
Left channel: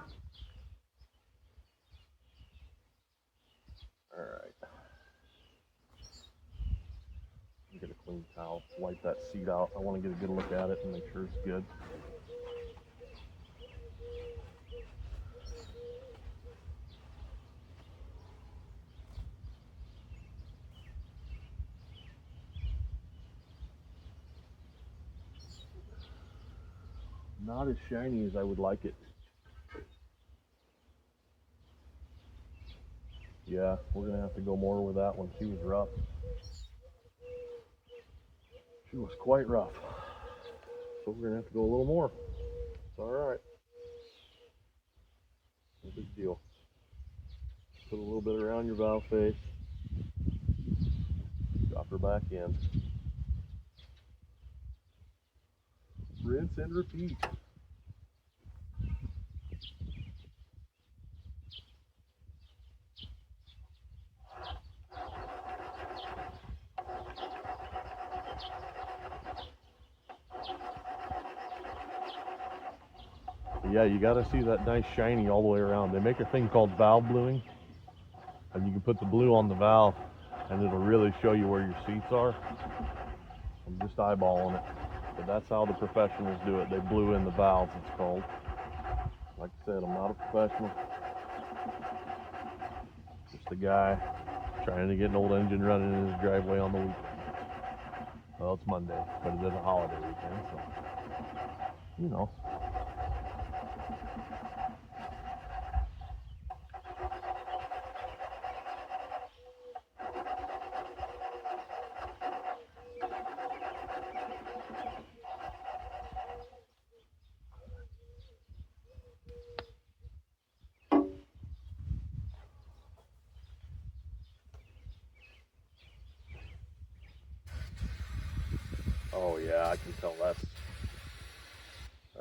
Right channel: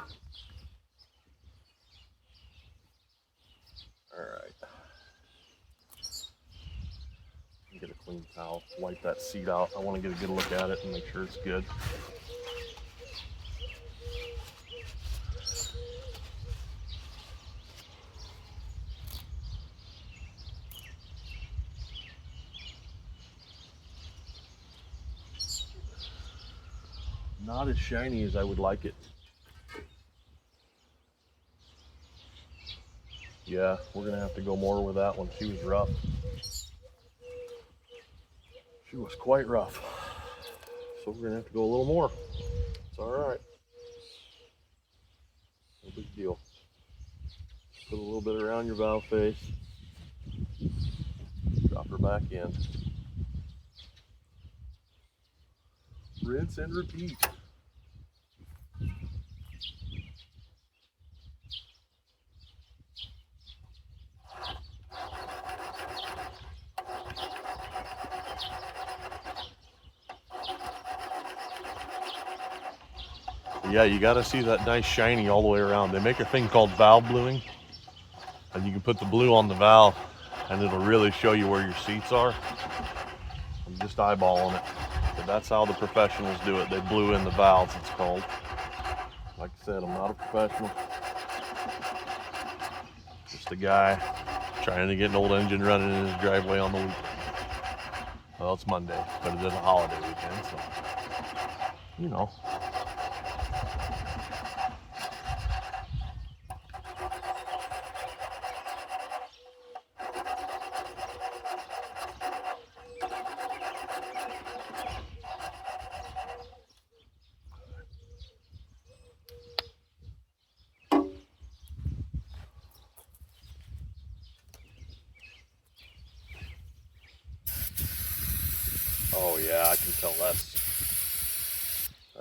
Alright. Get a clean towel, wipe that seat out. I want to get a good look at it and make sure it's good. Not as shiny as I would like it. Yeah, we're gonna have to go more with that one. She was rough. She was quite rough. So we're gonna have to go a little more. It's all right. No big deal. Put a little bit around your valve face. Drop her back in. Rinse and repeat. Yeah, you got to see that nice shiny all the way around. They make a thing called valve bluing, and you can put the blue on the valve and it'll really show you where your seats are. I'm just eyeballing it, but that's how the professionals do it. They blue in the valves, it's called. Like I said, I'm not a professional, just a guy trying to get an old engine running in his driveway on the weekend. Well, it's Monday, but it is a holiday weekend, so you know. yeah, I can tell that's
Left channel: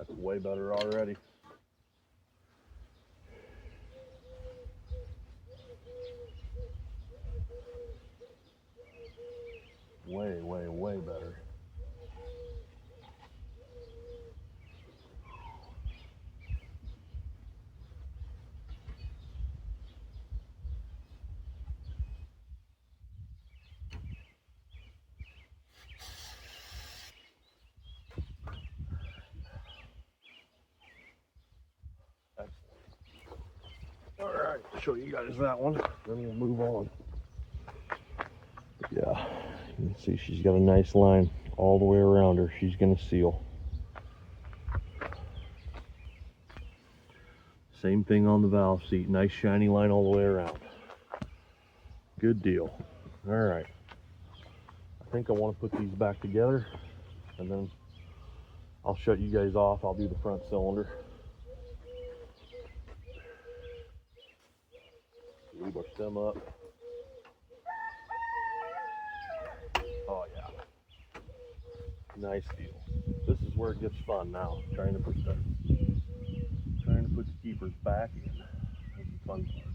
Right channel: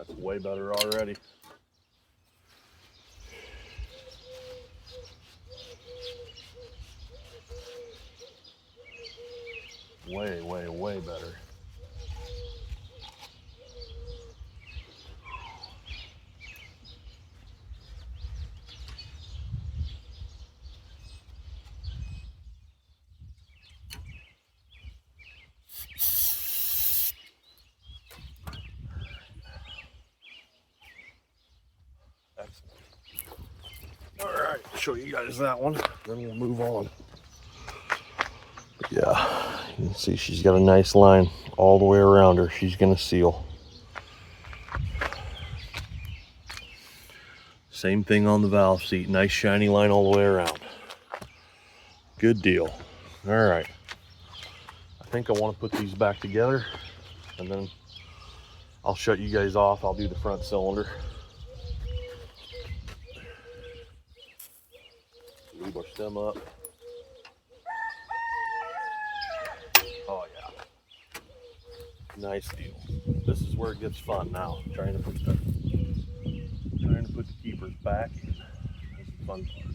way better already. Way, way, way better. Excellent. All right, show you guys that one, then we'll move on. Yeah, you can see she's got a nice line all the way around her. She's gonna seal. Same thing on the valve seat, nice shiny line all the way around. Good deal. All right, I think I want to put these back together, and then I'll shut you guys off. I'll do the front cylinder. Lube our stem up. Oh yeah, nice deal. This is where it gets fun now. Trying to put the keepers back in. That's the fun part.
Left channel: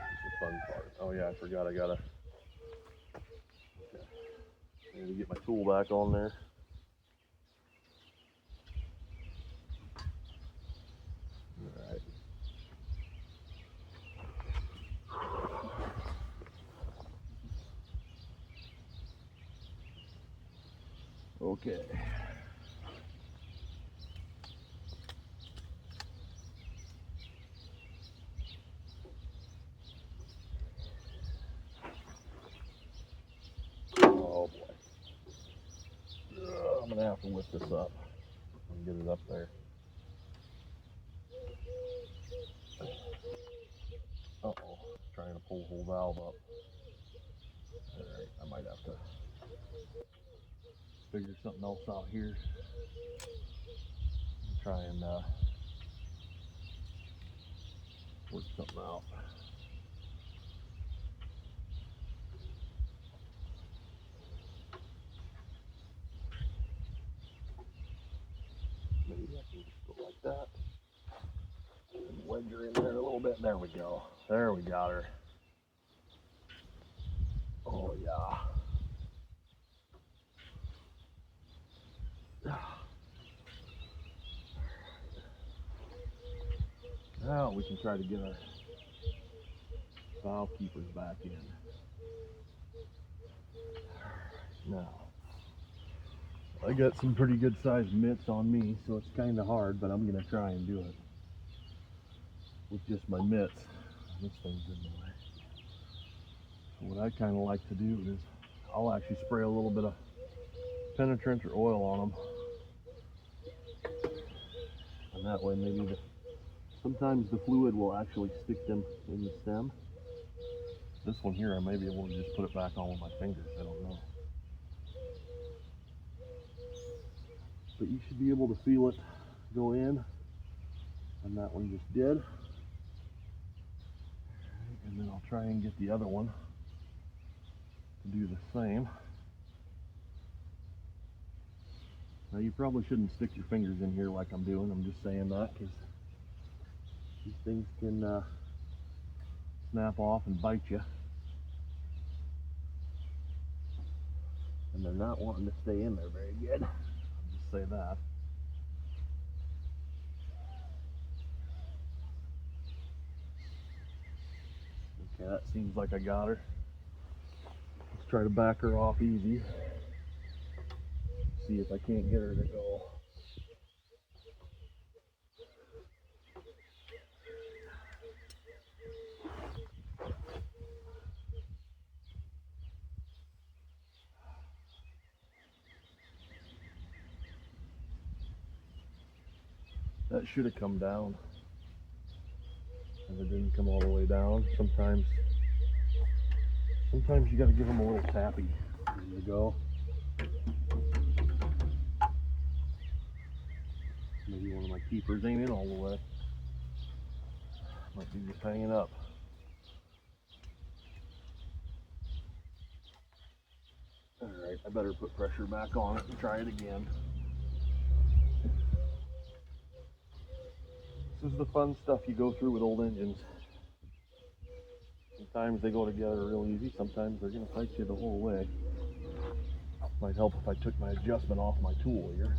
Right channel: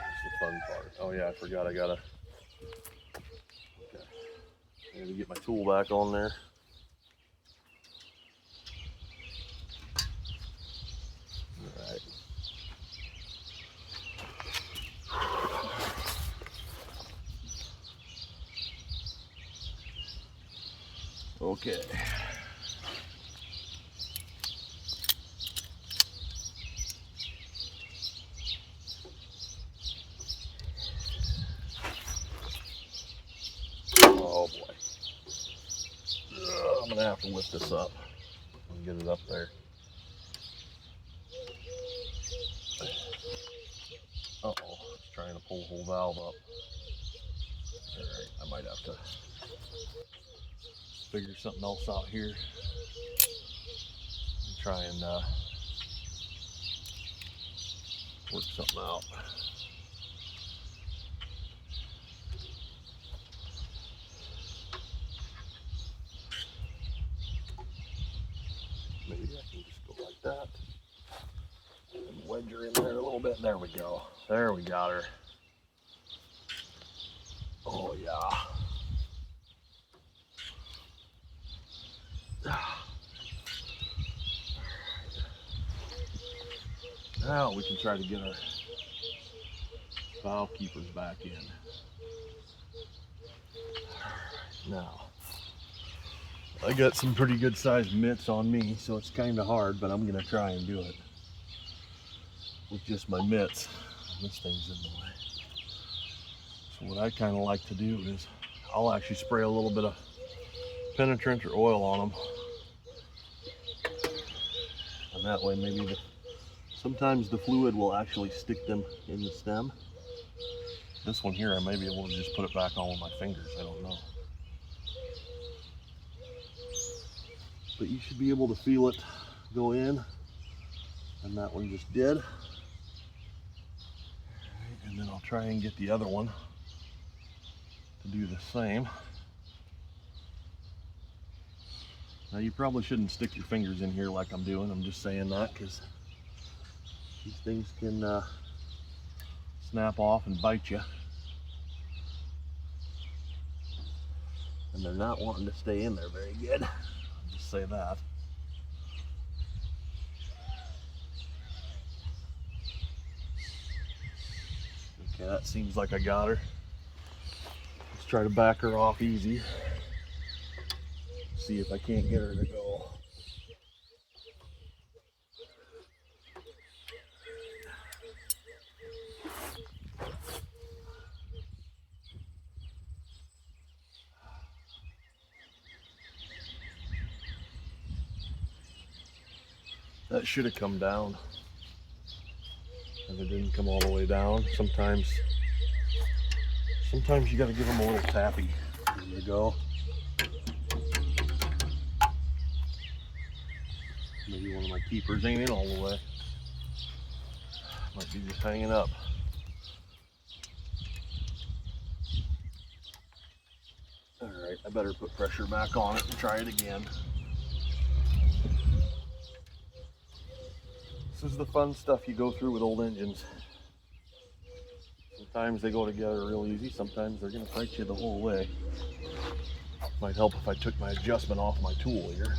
That's the fun part. Oh yeah, I forgot I gotta. Okay, I need to get my tool back on there. All right. Okay. Oh boy. I'm gonna have to lift this up and get it up there. Uh-oh, it's trying to pull the whole valve up. All right, I might have to figure something else out here. Try and work something out. Maybe I can just go like that and wedge her in there a little bit. There we go. There we got her. Oh yeah. Now we can try to get our valve keepers back in. Now, I got some pretty good sized mitts on me, so it's kind of hard, but I'm gonna try and do it with just my mitts. This thing's in the way. So what I kind of like to do is I'll actually spray a little bit of penetrant or oil on them, and that way maybe sometimes the fluid will actually stick them in the stem. This one here, I may be able to just put it back on with my fingers. I don't know. But you should be able to feel it go in, and that one just did. And then I'll try and get the other one to do the same. Now you probably shouldn't stick your fingers in here like I'm doing. I'm just saying that because these things can snap off and bite you. And they're not wanting to stay in there very good. I'll just say that. Okay, that seems like I got her. Let's try to back her off easy. See if I can't get her to go. That should have come down. And it didn't come all the way down. Sometimes you got to give them a little tappy. There you go. Maybe one of my keepers ain't in all the way. Might be just hanging up. Alright, I better put pressure back on it and try it again. This is the fun stuff you go through with old engines. Sometimes they go together real easy, sometimes they're going to fight you the whole way. Might help if I took my adjustment off my tool here.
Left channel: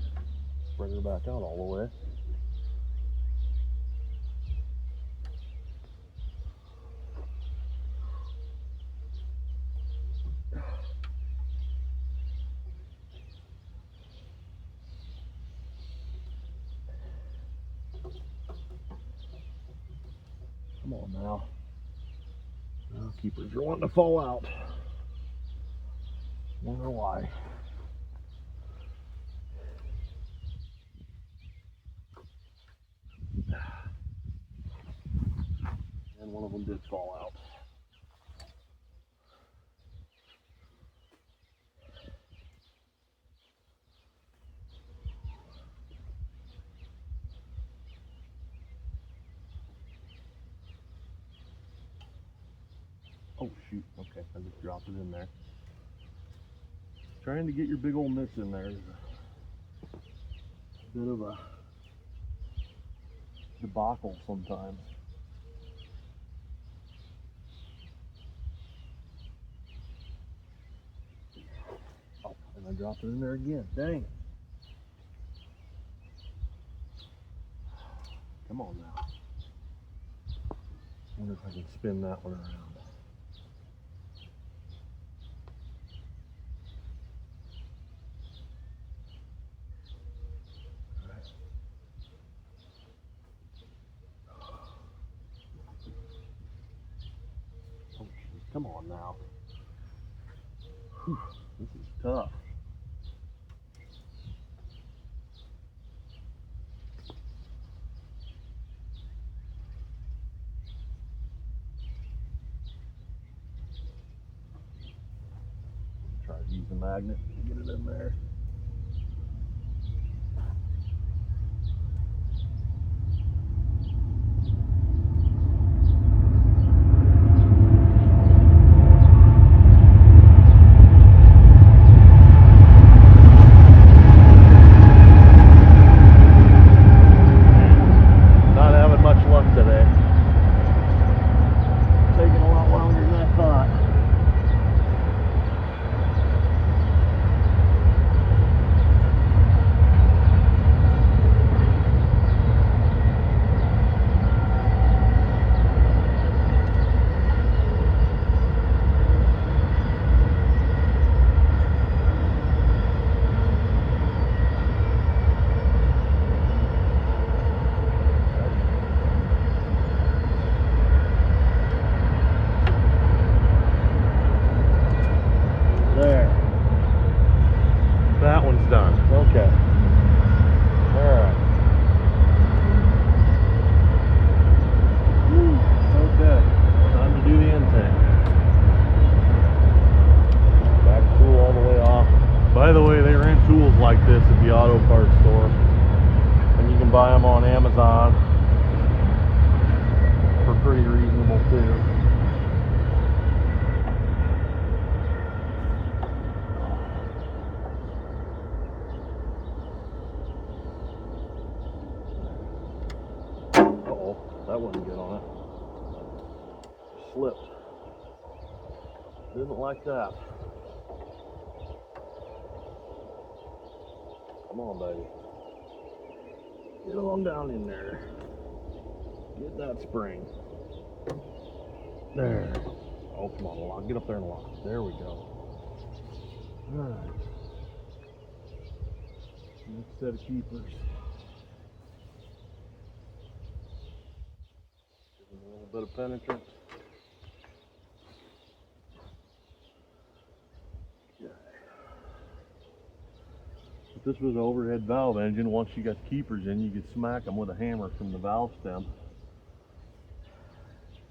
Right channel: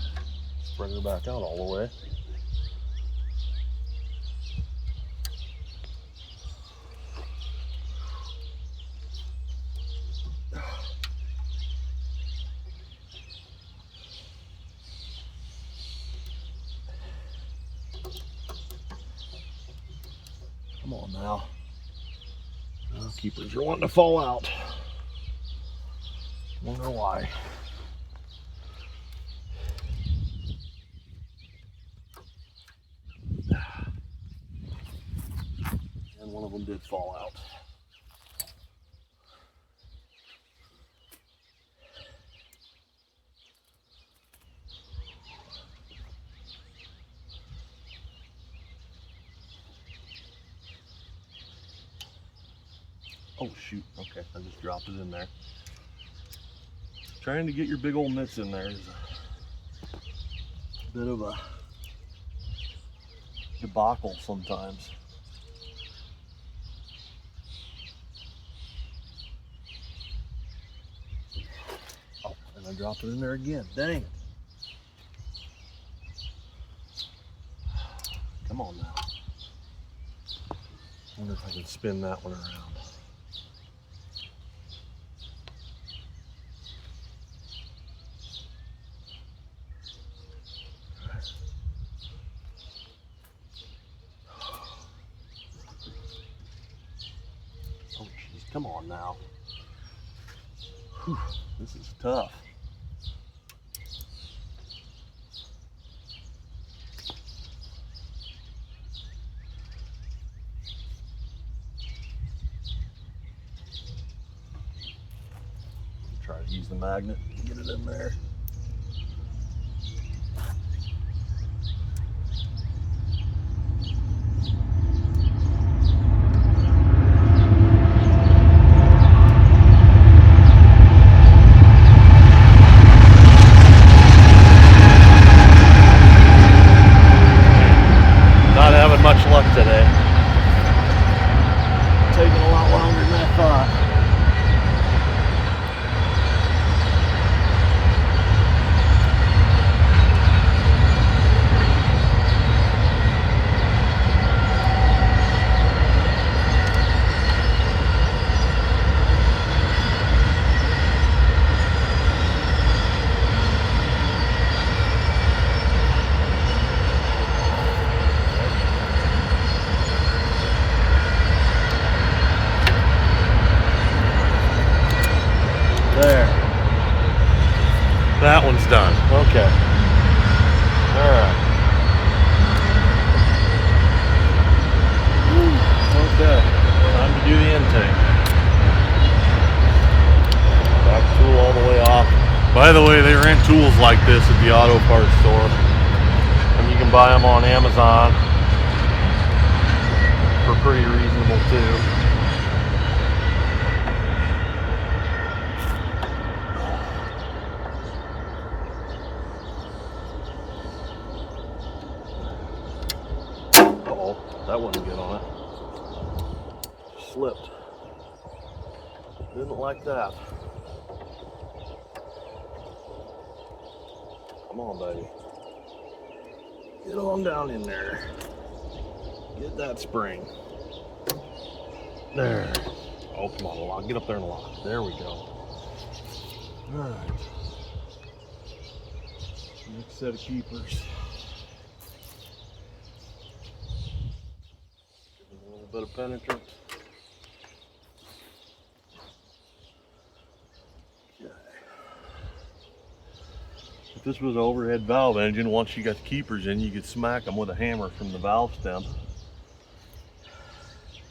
Spread her back out all the way. Come on now. Oh, keepers are wanting to fall out. Wonder why. And one of them did fall out. Oh shoot, okay, I just dropped it in there. Trying to get your big old mitts in there is a bit of a debacle sometimes. Oh, and I dropped it in there again, dang it. Come on now. I wonder if I can spin that one around. Oh jeez, come on now. Whew, this is tough. Try to use the magnet to get it in there. Not having much luck today. Taking a lot longer than I thought. There. That one's done. Okay. Alright. Okay. Time to do the intake. Back tool all the way off. By the way, they rent tools like this at the auto parts store. And you can buy them on Amazon for pretty reasonable too. That wouldn't get on it. Slipped. Didn't like that. Come on, buddy. Get on down in there. Get that spring. There. Oh, come on, lock. Get up there and lock. There we go. Alright. Next set of keepers. A little bit of penetrant. Okay. If this was an overhead valve engine, once you got the keepers in, you could smack them with a hammer from the valve stem.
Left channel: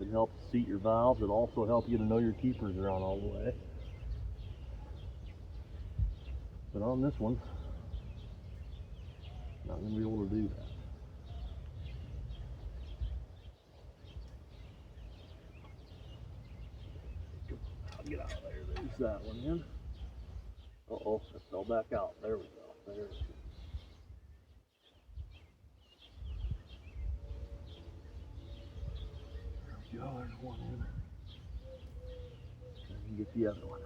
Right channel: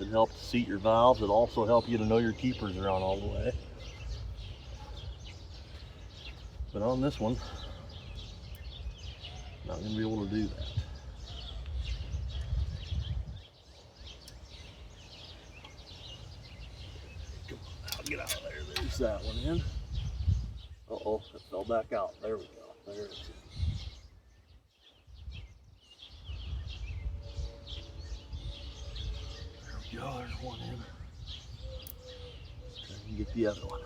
It helps seat your valves. It also helps you to know your keepers are on all the way. But on this one, not going to be able to do that. Come on now, get out of there. There's that one in. Uh-oh, it fell back out. There we go. There it is. There we go. There's one in. Try and get the other one.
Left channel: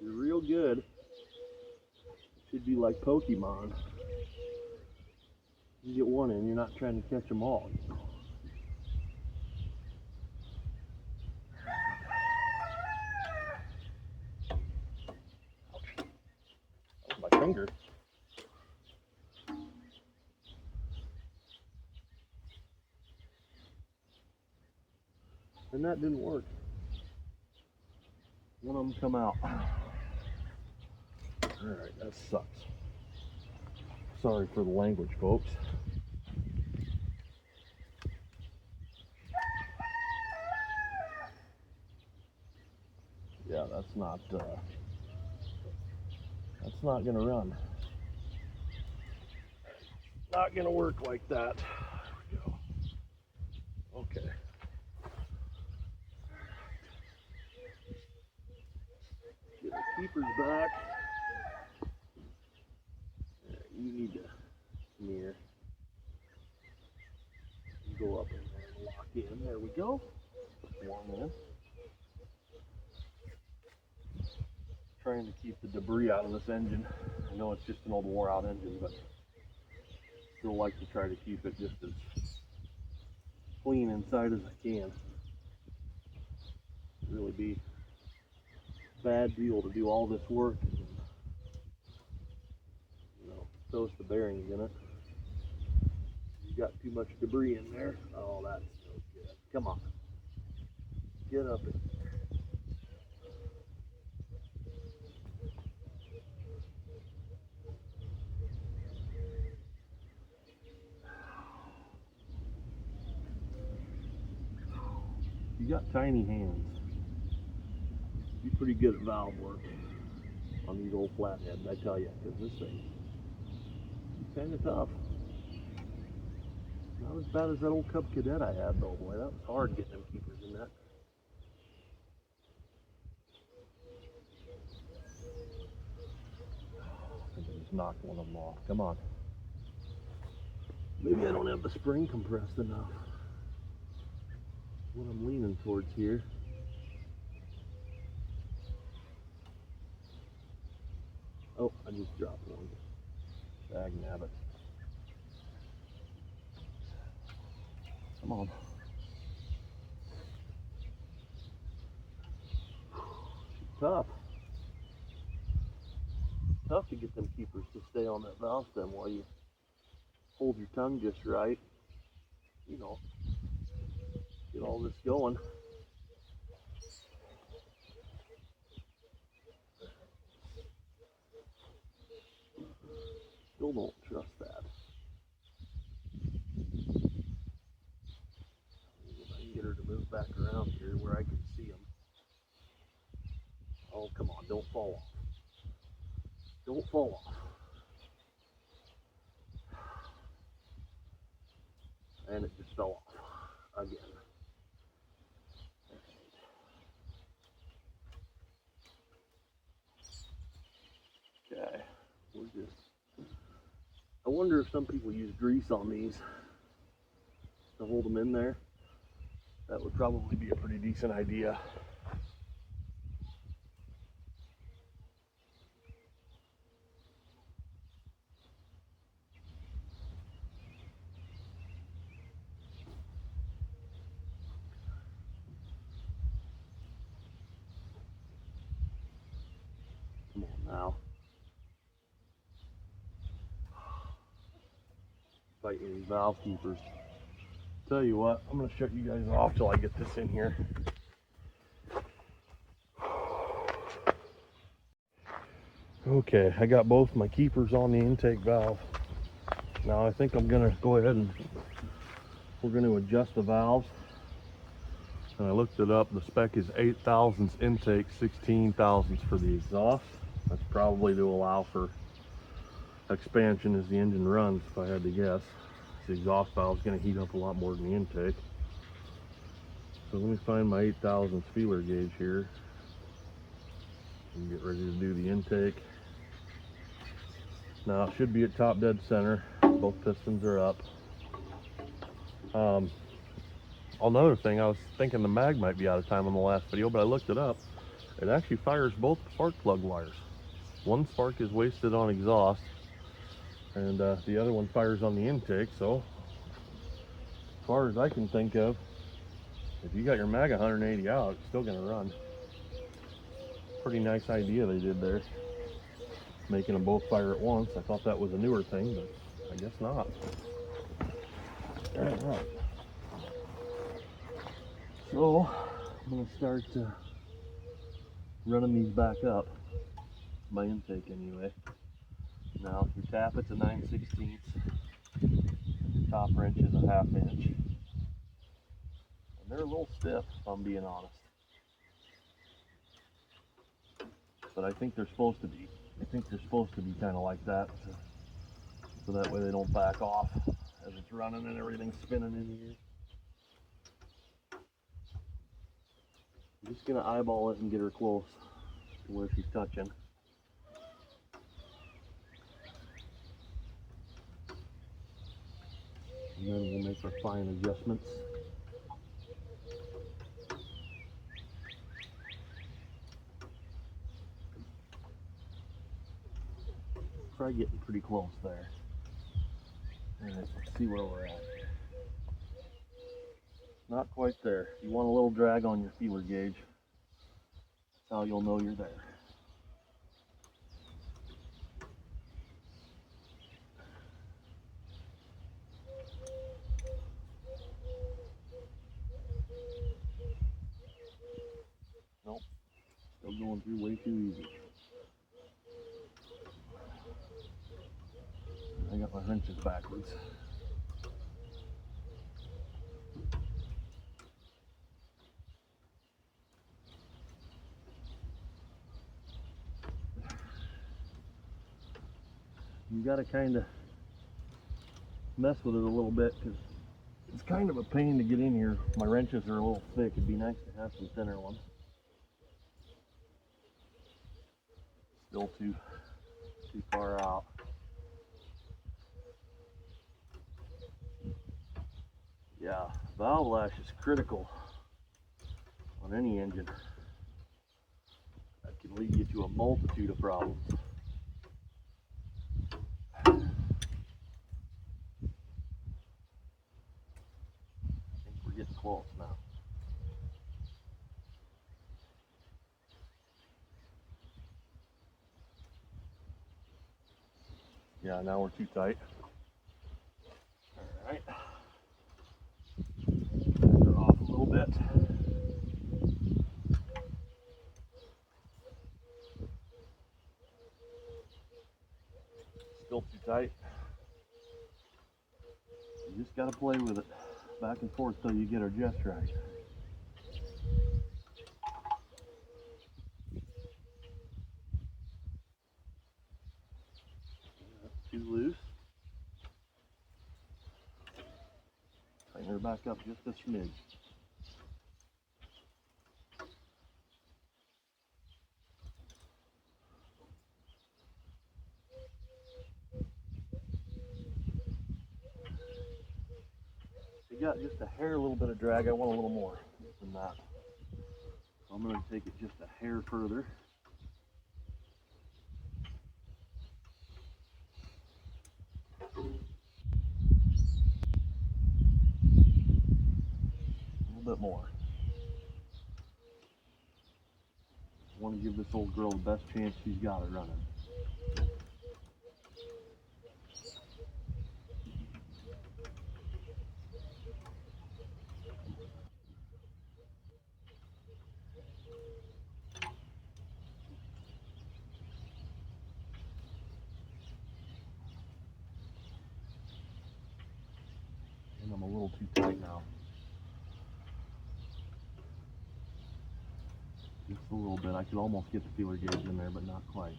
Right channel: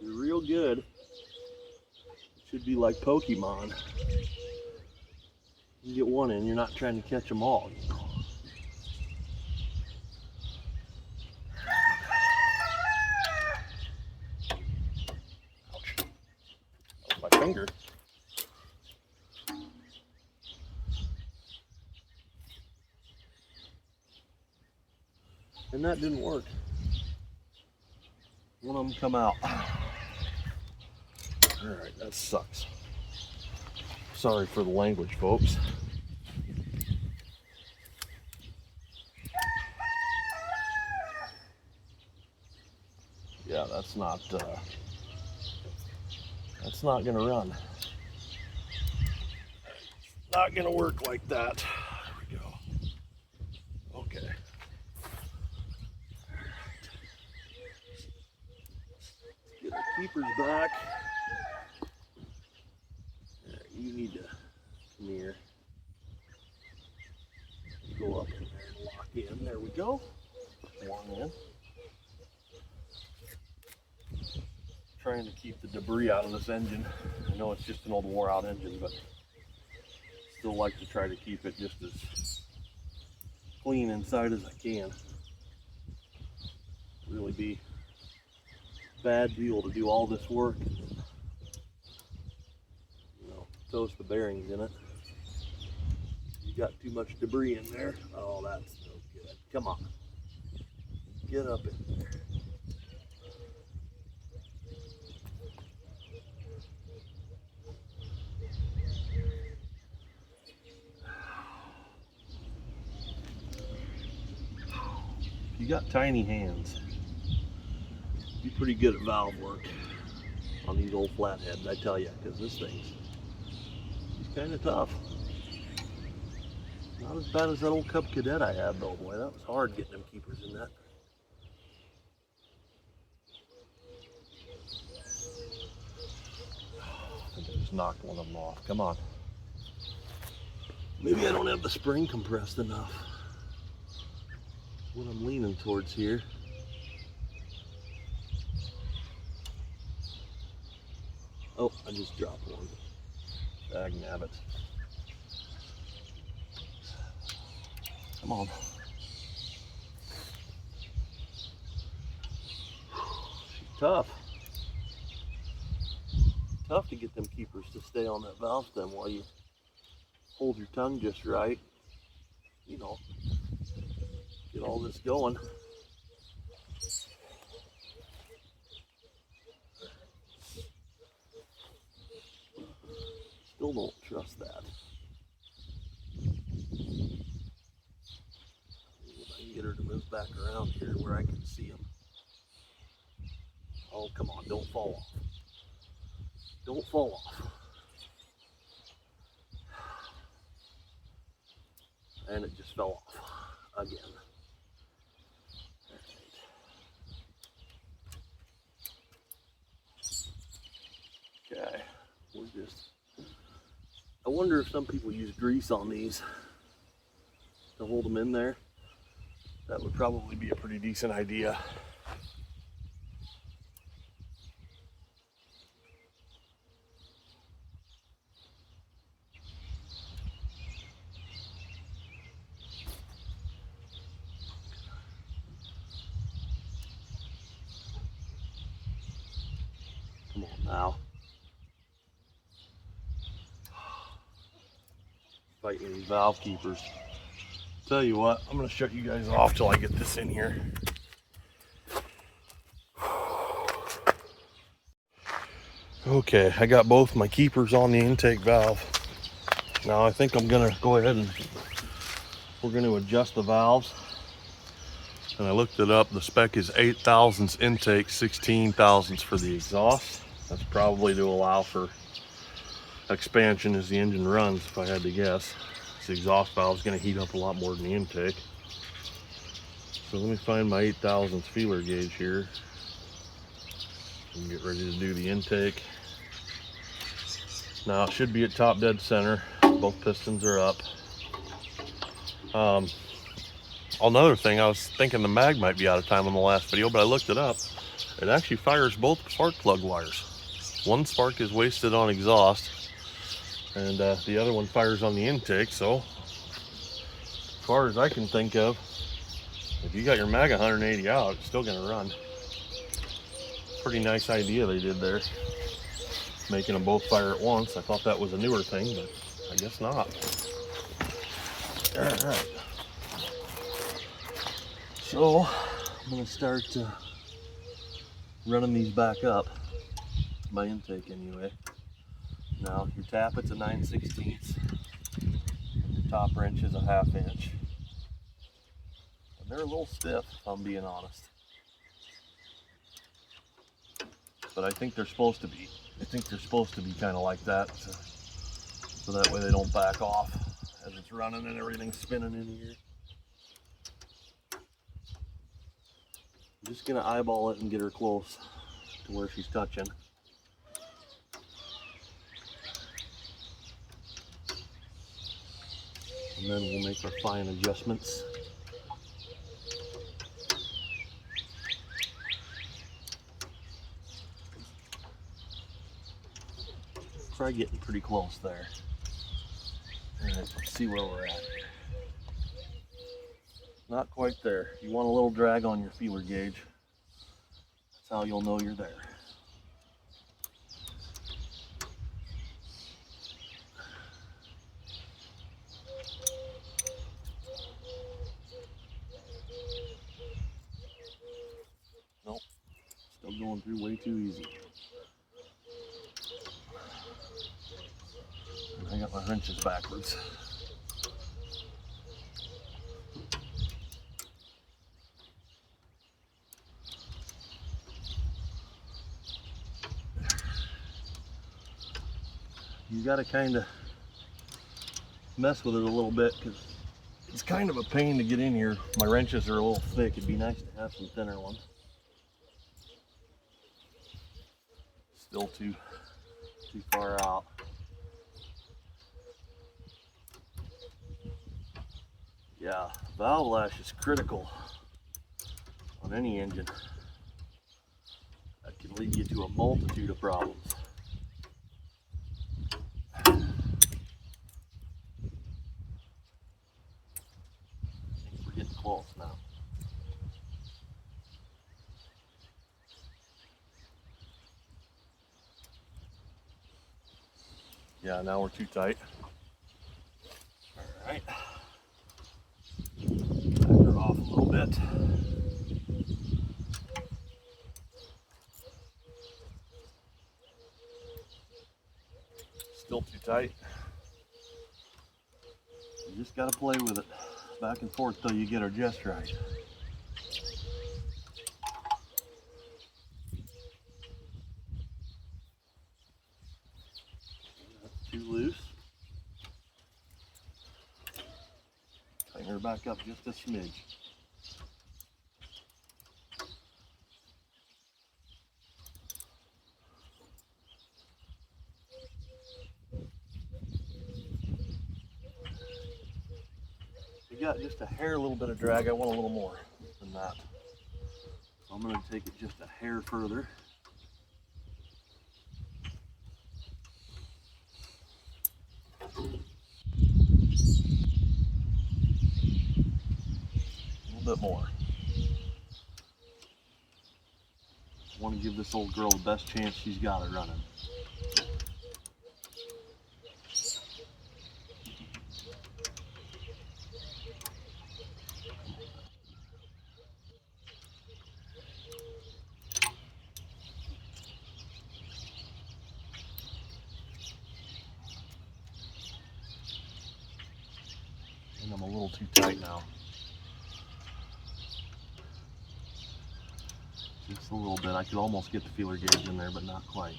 You're real good. It should be like Pokemon. You get one in, you're not trying to catch them all. You know? Ouch. That was my finger. And that didn't work. One of them come out. Alright, that sucks. Sorry for the language, folks. Yeah, that's not gonna run. Not gonna work like that. There we go. Okay. Get our keepers back. You need to come here. Go up in there and lock in. There we go. One in. Trying to keep the debris out of this engine. I know it's just an old wore out engine, but still like to try to keep it just as clean inside as I can. Really be a bad deal to do all this work. You know, toast the bearings in it. You got too much debris in there. Oh, that's no good. Come on. Get up in there. You got tiny hands. Be pretty good at valve work on these old flatheads, I tell you, because this thing's kind of tough. Not as bad as that old Cub Cadet I had though, boy. That was hard getting them keepers in that. I think I just knocked one of them off. Come on. Maybe I don't have the spring compressed enough. What I'm leaning towards here. Oh, I just dropped one. Dag nabbit. Come on. She's tough. Tough to get them keepers to stay on that valve stem while you hold your tongue just right. You know, get all this going. Still don't trust that. If I can get her to move back around here where I can see them. Oh, come on, don't fall off. Don't fall off. And it just fell off again. Okay, we're just, I wonder if some people use grease on these to hold them in there. That would probably be a pretty decent idea. Come on now. Fighting these valve keepers. Tell you what, I'm going to shut you guys off till I get this in here. Okay, I got both my keepers on the intake valve. Now I think I'm going to go ahead and we're going to adjust the valves. And I looked it up. The spec is 8 thousandths intake, 16 thousandths for the exhaust. That's probably to allow for expansion as the engine runs, if I had to guess. The exhaust valve is going to heat up a lot more than the intake. So let me find my 8,000 feeler gauge here and get ready to do the intake. Now it should be at top dead center. Both pistons are up. Another thing, I was thinking the mag might be out of time on the last video, but I looked it up. It actually fires both spark plug wires. One spark is wasted on exhaust, and the other one fires on the intake. So as far as I can think of, if you got your mag 180 out, it's still going to run. Pretty nice idea they did there, making them both fire at once. I thought that was a newer thing, but I guess not. All right. So I'm going to start running these back up, my intake anyway. Now your tappet's a 9/16, your top wrench is a 1/2 inch. And they're a little stiff, if I'm being honest. But I think they're supposed to be. I think they're supposed to be kind of like that, so that way they don't back off as it's running and everything's spinning in here. I'm just gonna eyeball it and get her close to where she's touching. And then we'll make our fine adjustments. Try getting pretty close there. All right, let's see where we're at. Not quite there. You want a little drag on your feeler gauge. That's how you'll know you're there. Nope, still going through way too easy. I got my wrenches backwards. You got to kind of mess with it a little bit because it's kind of a pain to get in here. My wrenches are a little thick. It'd be nice to have some thinner ones. Still too far out. Yeah, valve lash is critical on any engine. That can lead you to a multitude of problems. I think we're getting close now. Yeah, now we're too tight. All right. Back her off a little bit. Still too tight. You just got to play with it back and forth till you get her just right. That's too loose. Tighten her back up just a smidge. You got just a hair, a little bit of drag. I want a little more than that. So I'm going to take it just a hair further. A little bit more. I want to give this old girl the best chance she's got at running. I'm a little too tight now. Just a little bit. I could almost get the feeler gauge in there, but not quite.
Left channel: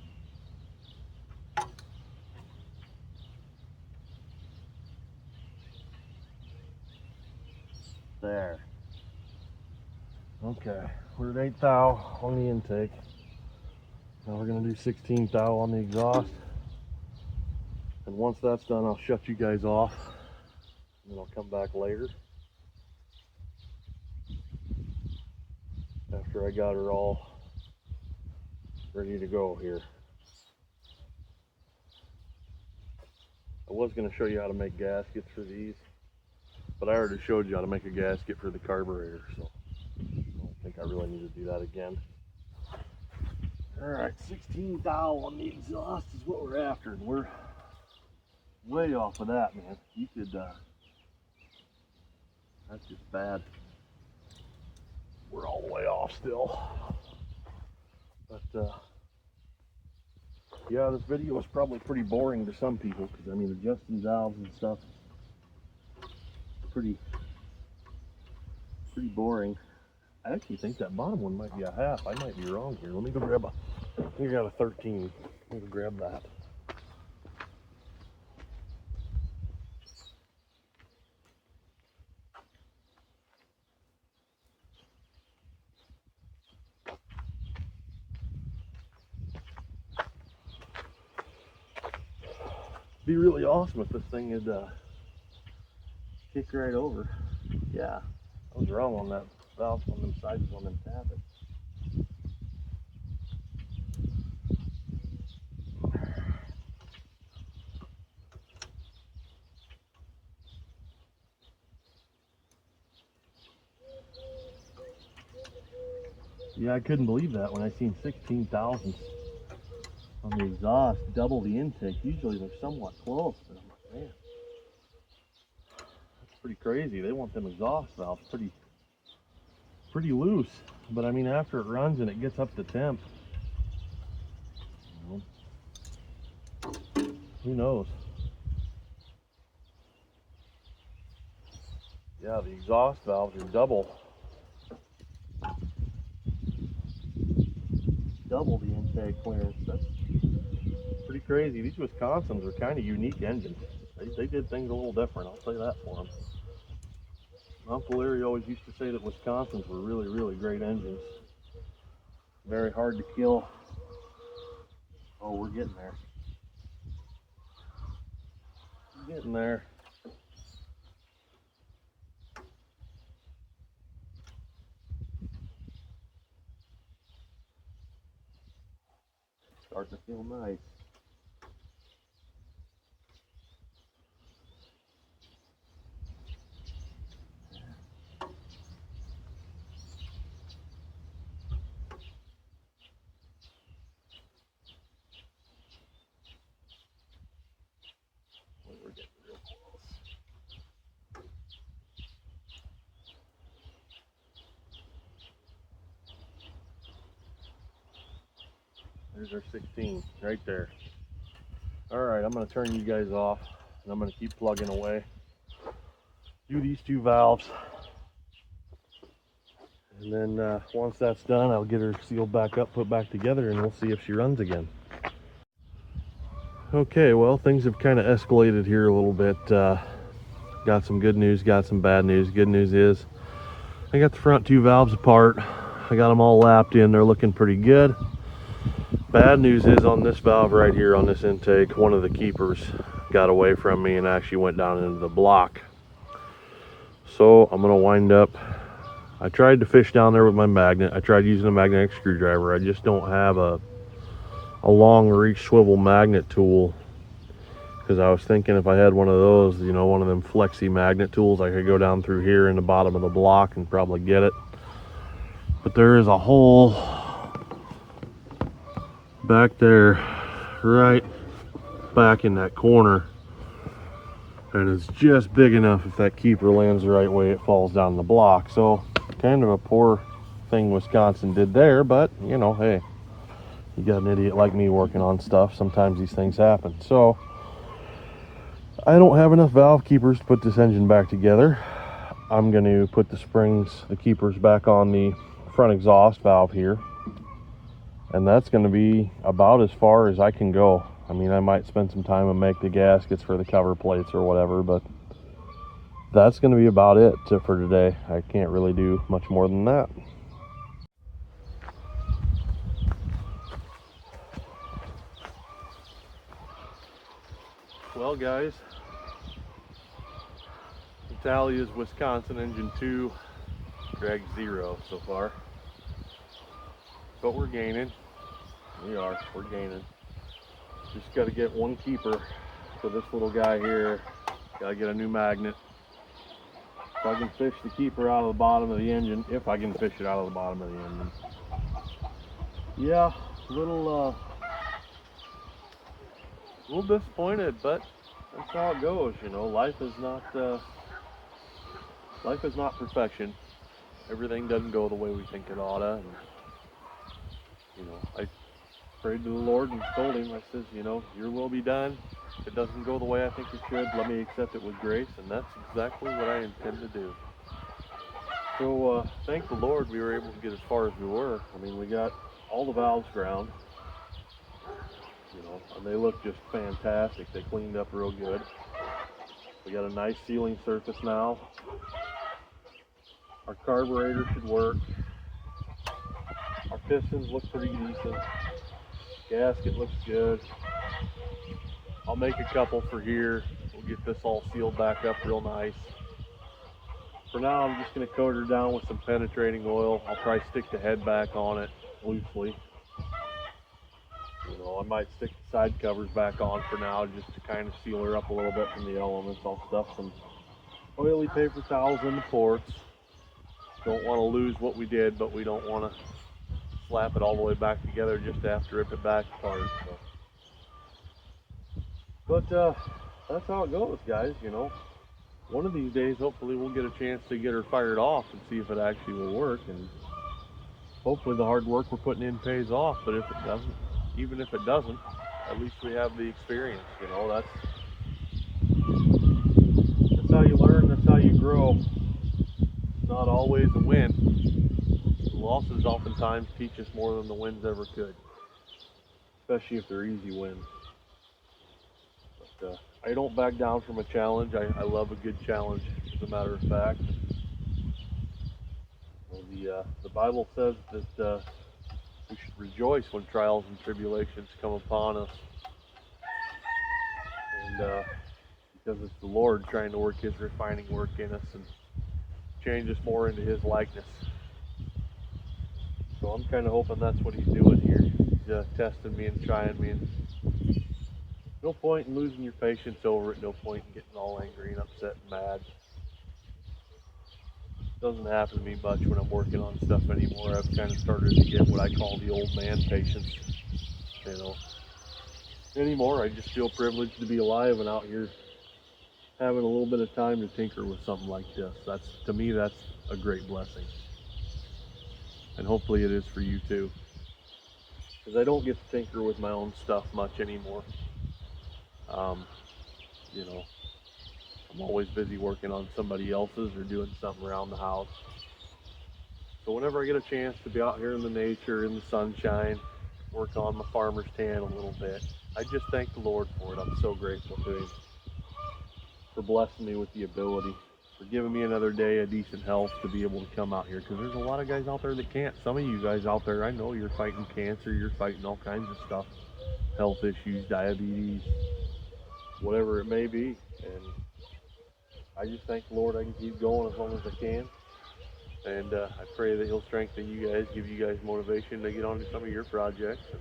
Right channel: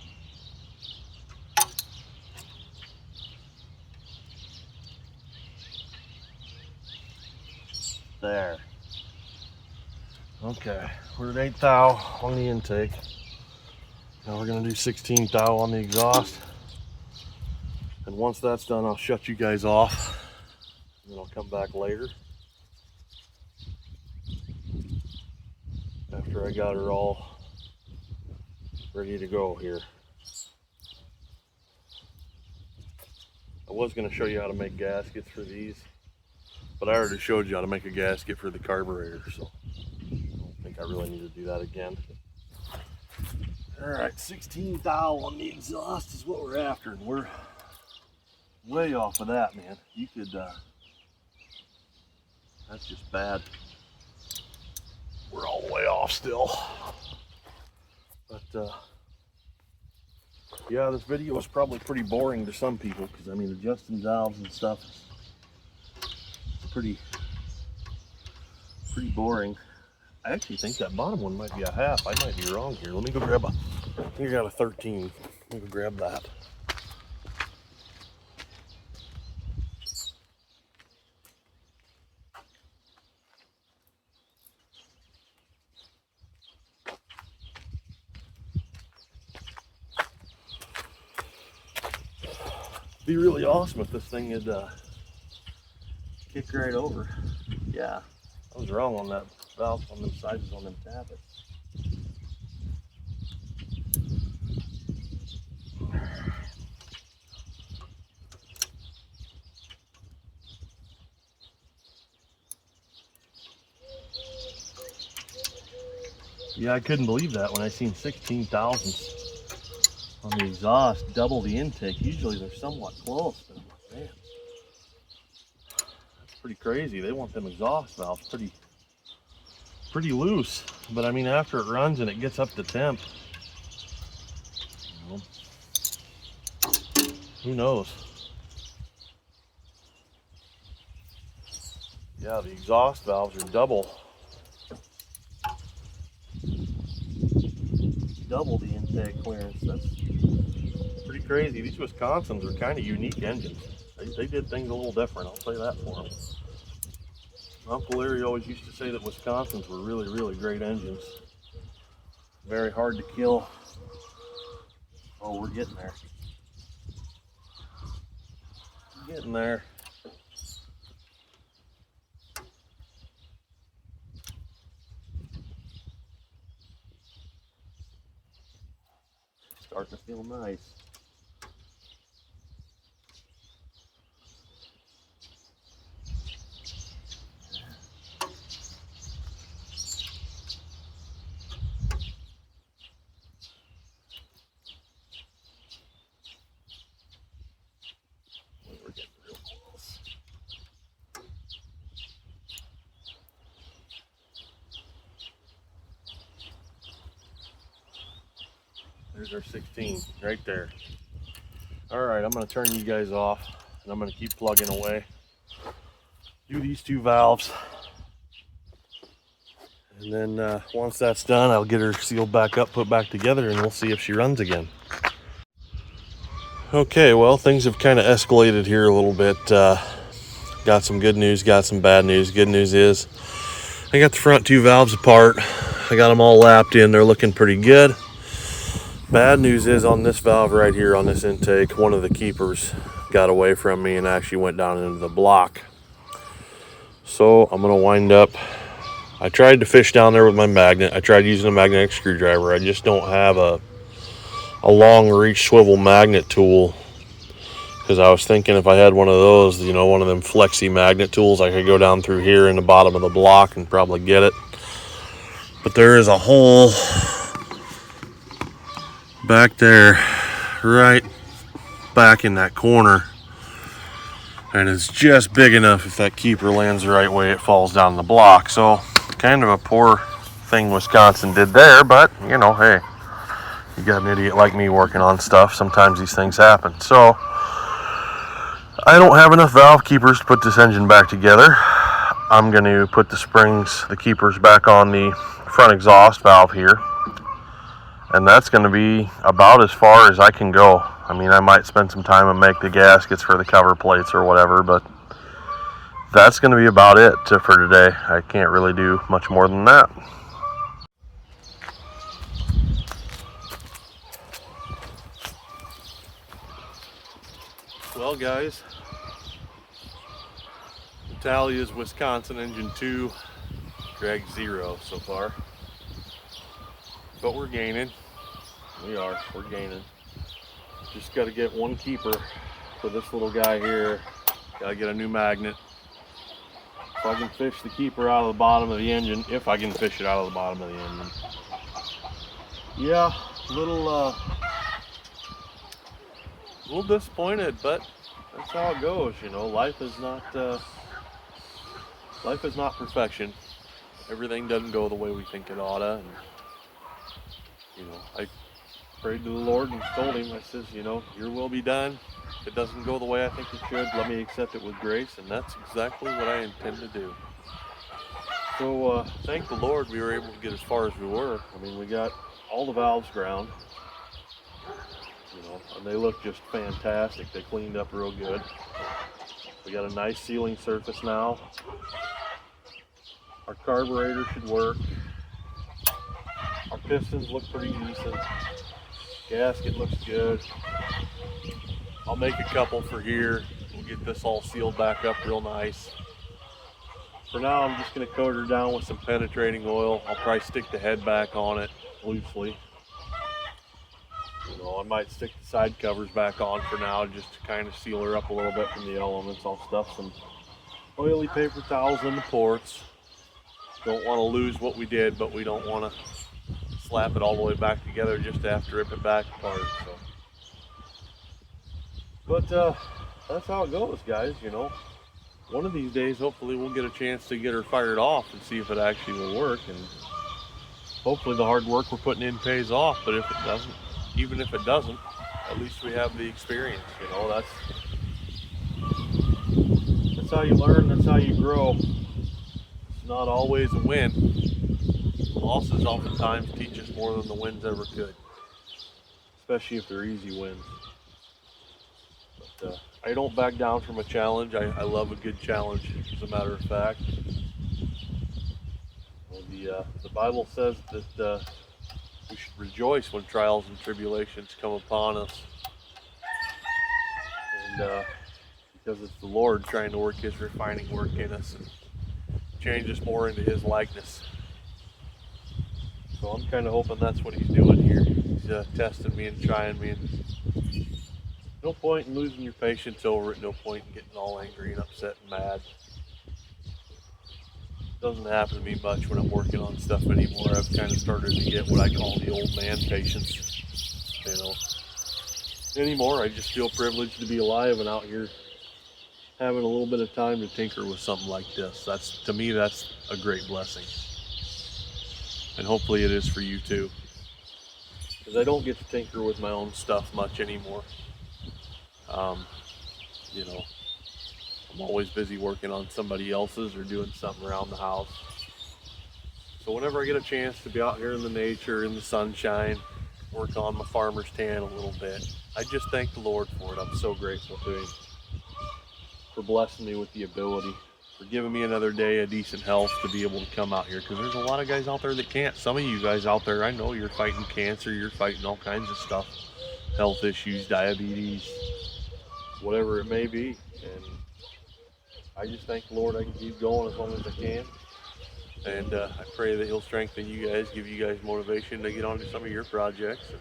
There. Okay, we're at 8 thou on the intake. Now we're gonna do 16 thou on the exhaust. And once that's done, I'll shut you guys off. And then I'll come back later after I got her all ready to go here. I was going to show you how to make gaskets for these, but I already showed you how to make a gasket for the carburetor, so I don't think I really need to do that again. Alright, 16 thou on the exhaust is what we're after, and we're way off of that, man. You could, that's just bad. We're all the way off still. But, yeah, this video was probably pretty boring to some people, because, I mean, adjusting valves and stuff is pretty boring. I actually think that bottom one might be a half. I might be wrong here. Let me go grab a, I think I got a 13. Let me go grab that. Be really awesome if this thing had kicked right over. Yeah, I was wrong on that valve, on them sizes on them tappets. Yeah, I couldn't believe that when I seen 16 thousandths on the exhaust, double the intake. Usually they're somewhat close, but I'm like, man, that's pretty crazy. They want them exhaust valves pretty loose. But I mean, after it runs and it gets up to temp, you know, who knows? Yeah, the exhaust valves are double the intake clearance. That's pretty crazy. These Wisconsins are kind of unique engines. They did things a little different, I'll say that for them. Uncle Larry always used to say that Wisconsins were really great engines. Very hard to kill. Oh, we're getting there. We're getting there. Starting to feel nice. We're getting real close. There's our 16 right there. All right, I'm going to turn you guys off, and I'm going to keep plugging away. Do these two valves, and then once that's done, I'll get her sealed back up, put back together, and we'll see if she runs again. Okay, well, things have kind of escalated here a little bit. Got some good news, got some bad news. Good news is I got the front two valves apart. I got them all lapped in. They're looking pretty good. Bad news is on this valve right here on this intake, one of the keepers got away from me and actually went down into the block. So I'm going to wind up, I tried to fish down there with my magnet. I tried using a magnetic screwdriver. I just don't have a long reach swivel magnet tool, because I was thinking if I had one of those, you know, one of them flexi magnet tools, I could go down through here in the bottom of the block and probably get it. But there is a hole back there, right back in that corner, and it's just big enough if that keeper lands the right way, it falls down the block. So kind of a poor thing Wisconsin did there, but you know, hey, you got an idiot like me working on stuff, sometimes these things happen. So I don't have enough valve keepers to put this engine back together. I'm going to put the springs, the keepers, back on the front exhaust valve here, and that's going to be about as far as I can go. I mean, I might spend some time and make the gaskets for the cover plates or whatever, but that's going to be about it for today. I can't really do much more than that. Well, guys, the tally is Wisconsin engine 2, drag 0 so far. But we're gaining. We're gaining. Just got to get one keeper for this little guy here. Got to get a new magnet. If I can fish the keeper out of the bottom of the engine, if I can fish it out of the bottom of the engine. Yeah, little disappointed, but that's how it goes. You know, life is not perfection. Everything doesn't go the way we think it oughta. And, you know, I prayed to the Lord and told him, I says, you know, your will be done. If it doesn't go the way I think it should, let me accept it with grace, and that's exactly what I intend to do. So thank the Lord we were able to get as far as we were. I mean, we got all the valves ground, you know, and they look just fantastic. They cleaned up real good. We got a nice sealing surface now. Our carburetor should work. Our pistons look pretty decent. Gasket looks good. I'll make a couple for here. We'll get this all sealed back up real nice. For now, I'm just going to coat her down with some penetrating oil. I'll probably stick the head back on it loosely. You know, I might stick the side covers back on for now just to kind of seal her up a little bit from the elements. I'll stuff some oily paper towels in the ports. Don't want to lose what we did, but we don't want to slap it all the way back together just to have to rip it back apart. So. But that's how it goes, guys, you know. One of these days, hopefully, we'll get a chance to get her fired off and see if it actually will work. And hopefully the hard work we're putting in pays off. But if it doesn't, even if it doesn't, at least we have the experience, you know. That's how you learn, that's how you grow. It's not always a win. Losses oftentimes teach us more than the wins ever could, especially if they're easy wins. But I don't back down from a challenge. I love a good challenge, as a matter of fact. Well, the Bible says that we should rejoice when trials and tribulations come upon us, and because it's the Lord trying to work His refining work in us and change us more into His likeness. So I'm kind of hoping that's what He's doing here. He's testing me and trying me, and no point in losing your patience over it, no point in getting all angry and upset and mad. It doesn't happen to me much when I'm working on stuff anymore. I've kind of started to get what I call the old man patience, you know. Anymore, I just feel privileged to be alive and out here having a little bit of time to tinker with something like this. To me, that's a great blessing. And hopefully it is for you too. Because I don't get to tinker with my own stuff much anymore. You know, I'm always busy working on somebody else's or doing something around the house. So whenever I get a chance to be out here in the nature, in the sunshine, work on my farmer's tan a little bit, I just thank the Lord for it. I'm so grateful to Him for blessing me with the ability, for giving me another day of decent health to be able to come out here, because there's a lot of guys out there that can't. Some of you guys out there, I know you're fighting cancer, you're fighting all kinds of stuff, health issues, diabetes, whatever it may be, and I just thank the Lord I can keep going as long as I can, and I pray that He'll strengthen you guys, give you guys motivation to get on to some of your projects, and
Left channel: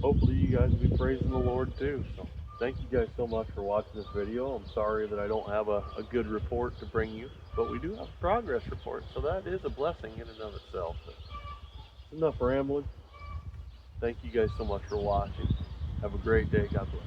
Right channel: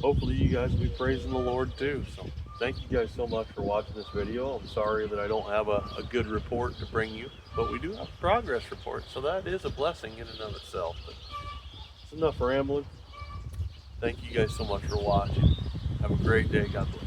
hopefully you guys will be praising the Lord too. So thank you guys so much for watching this video. I'm sorry that I don't have a good report to bring you, but we do have a progress report, so that is a blessing in and of itself. But it's enough rambling. Thank you guys so much for watching. Have a great day. God bless.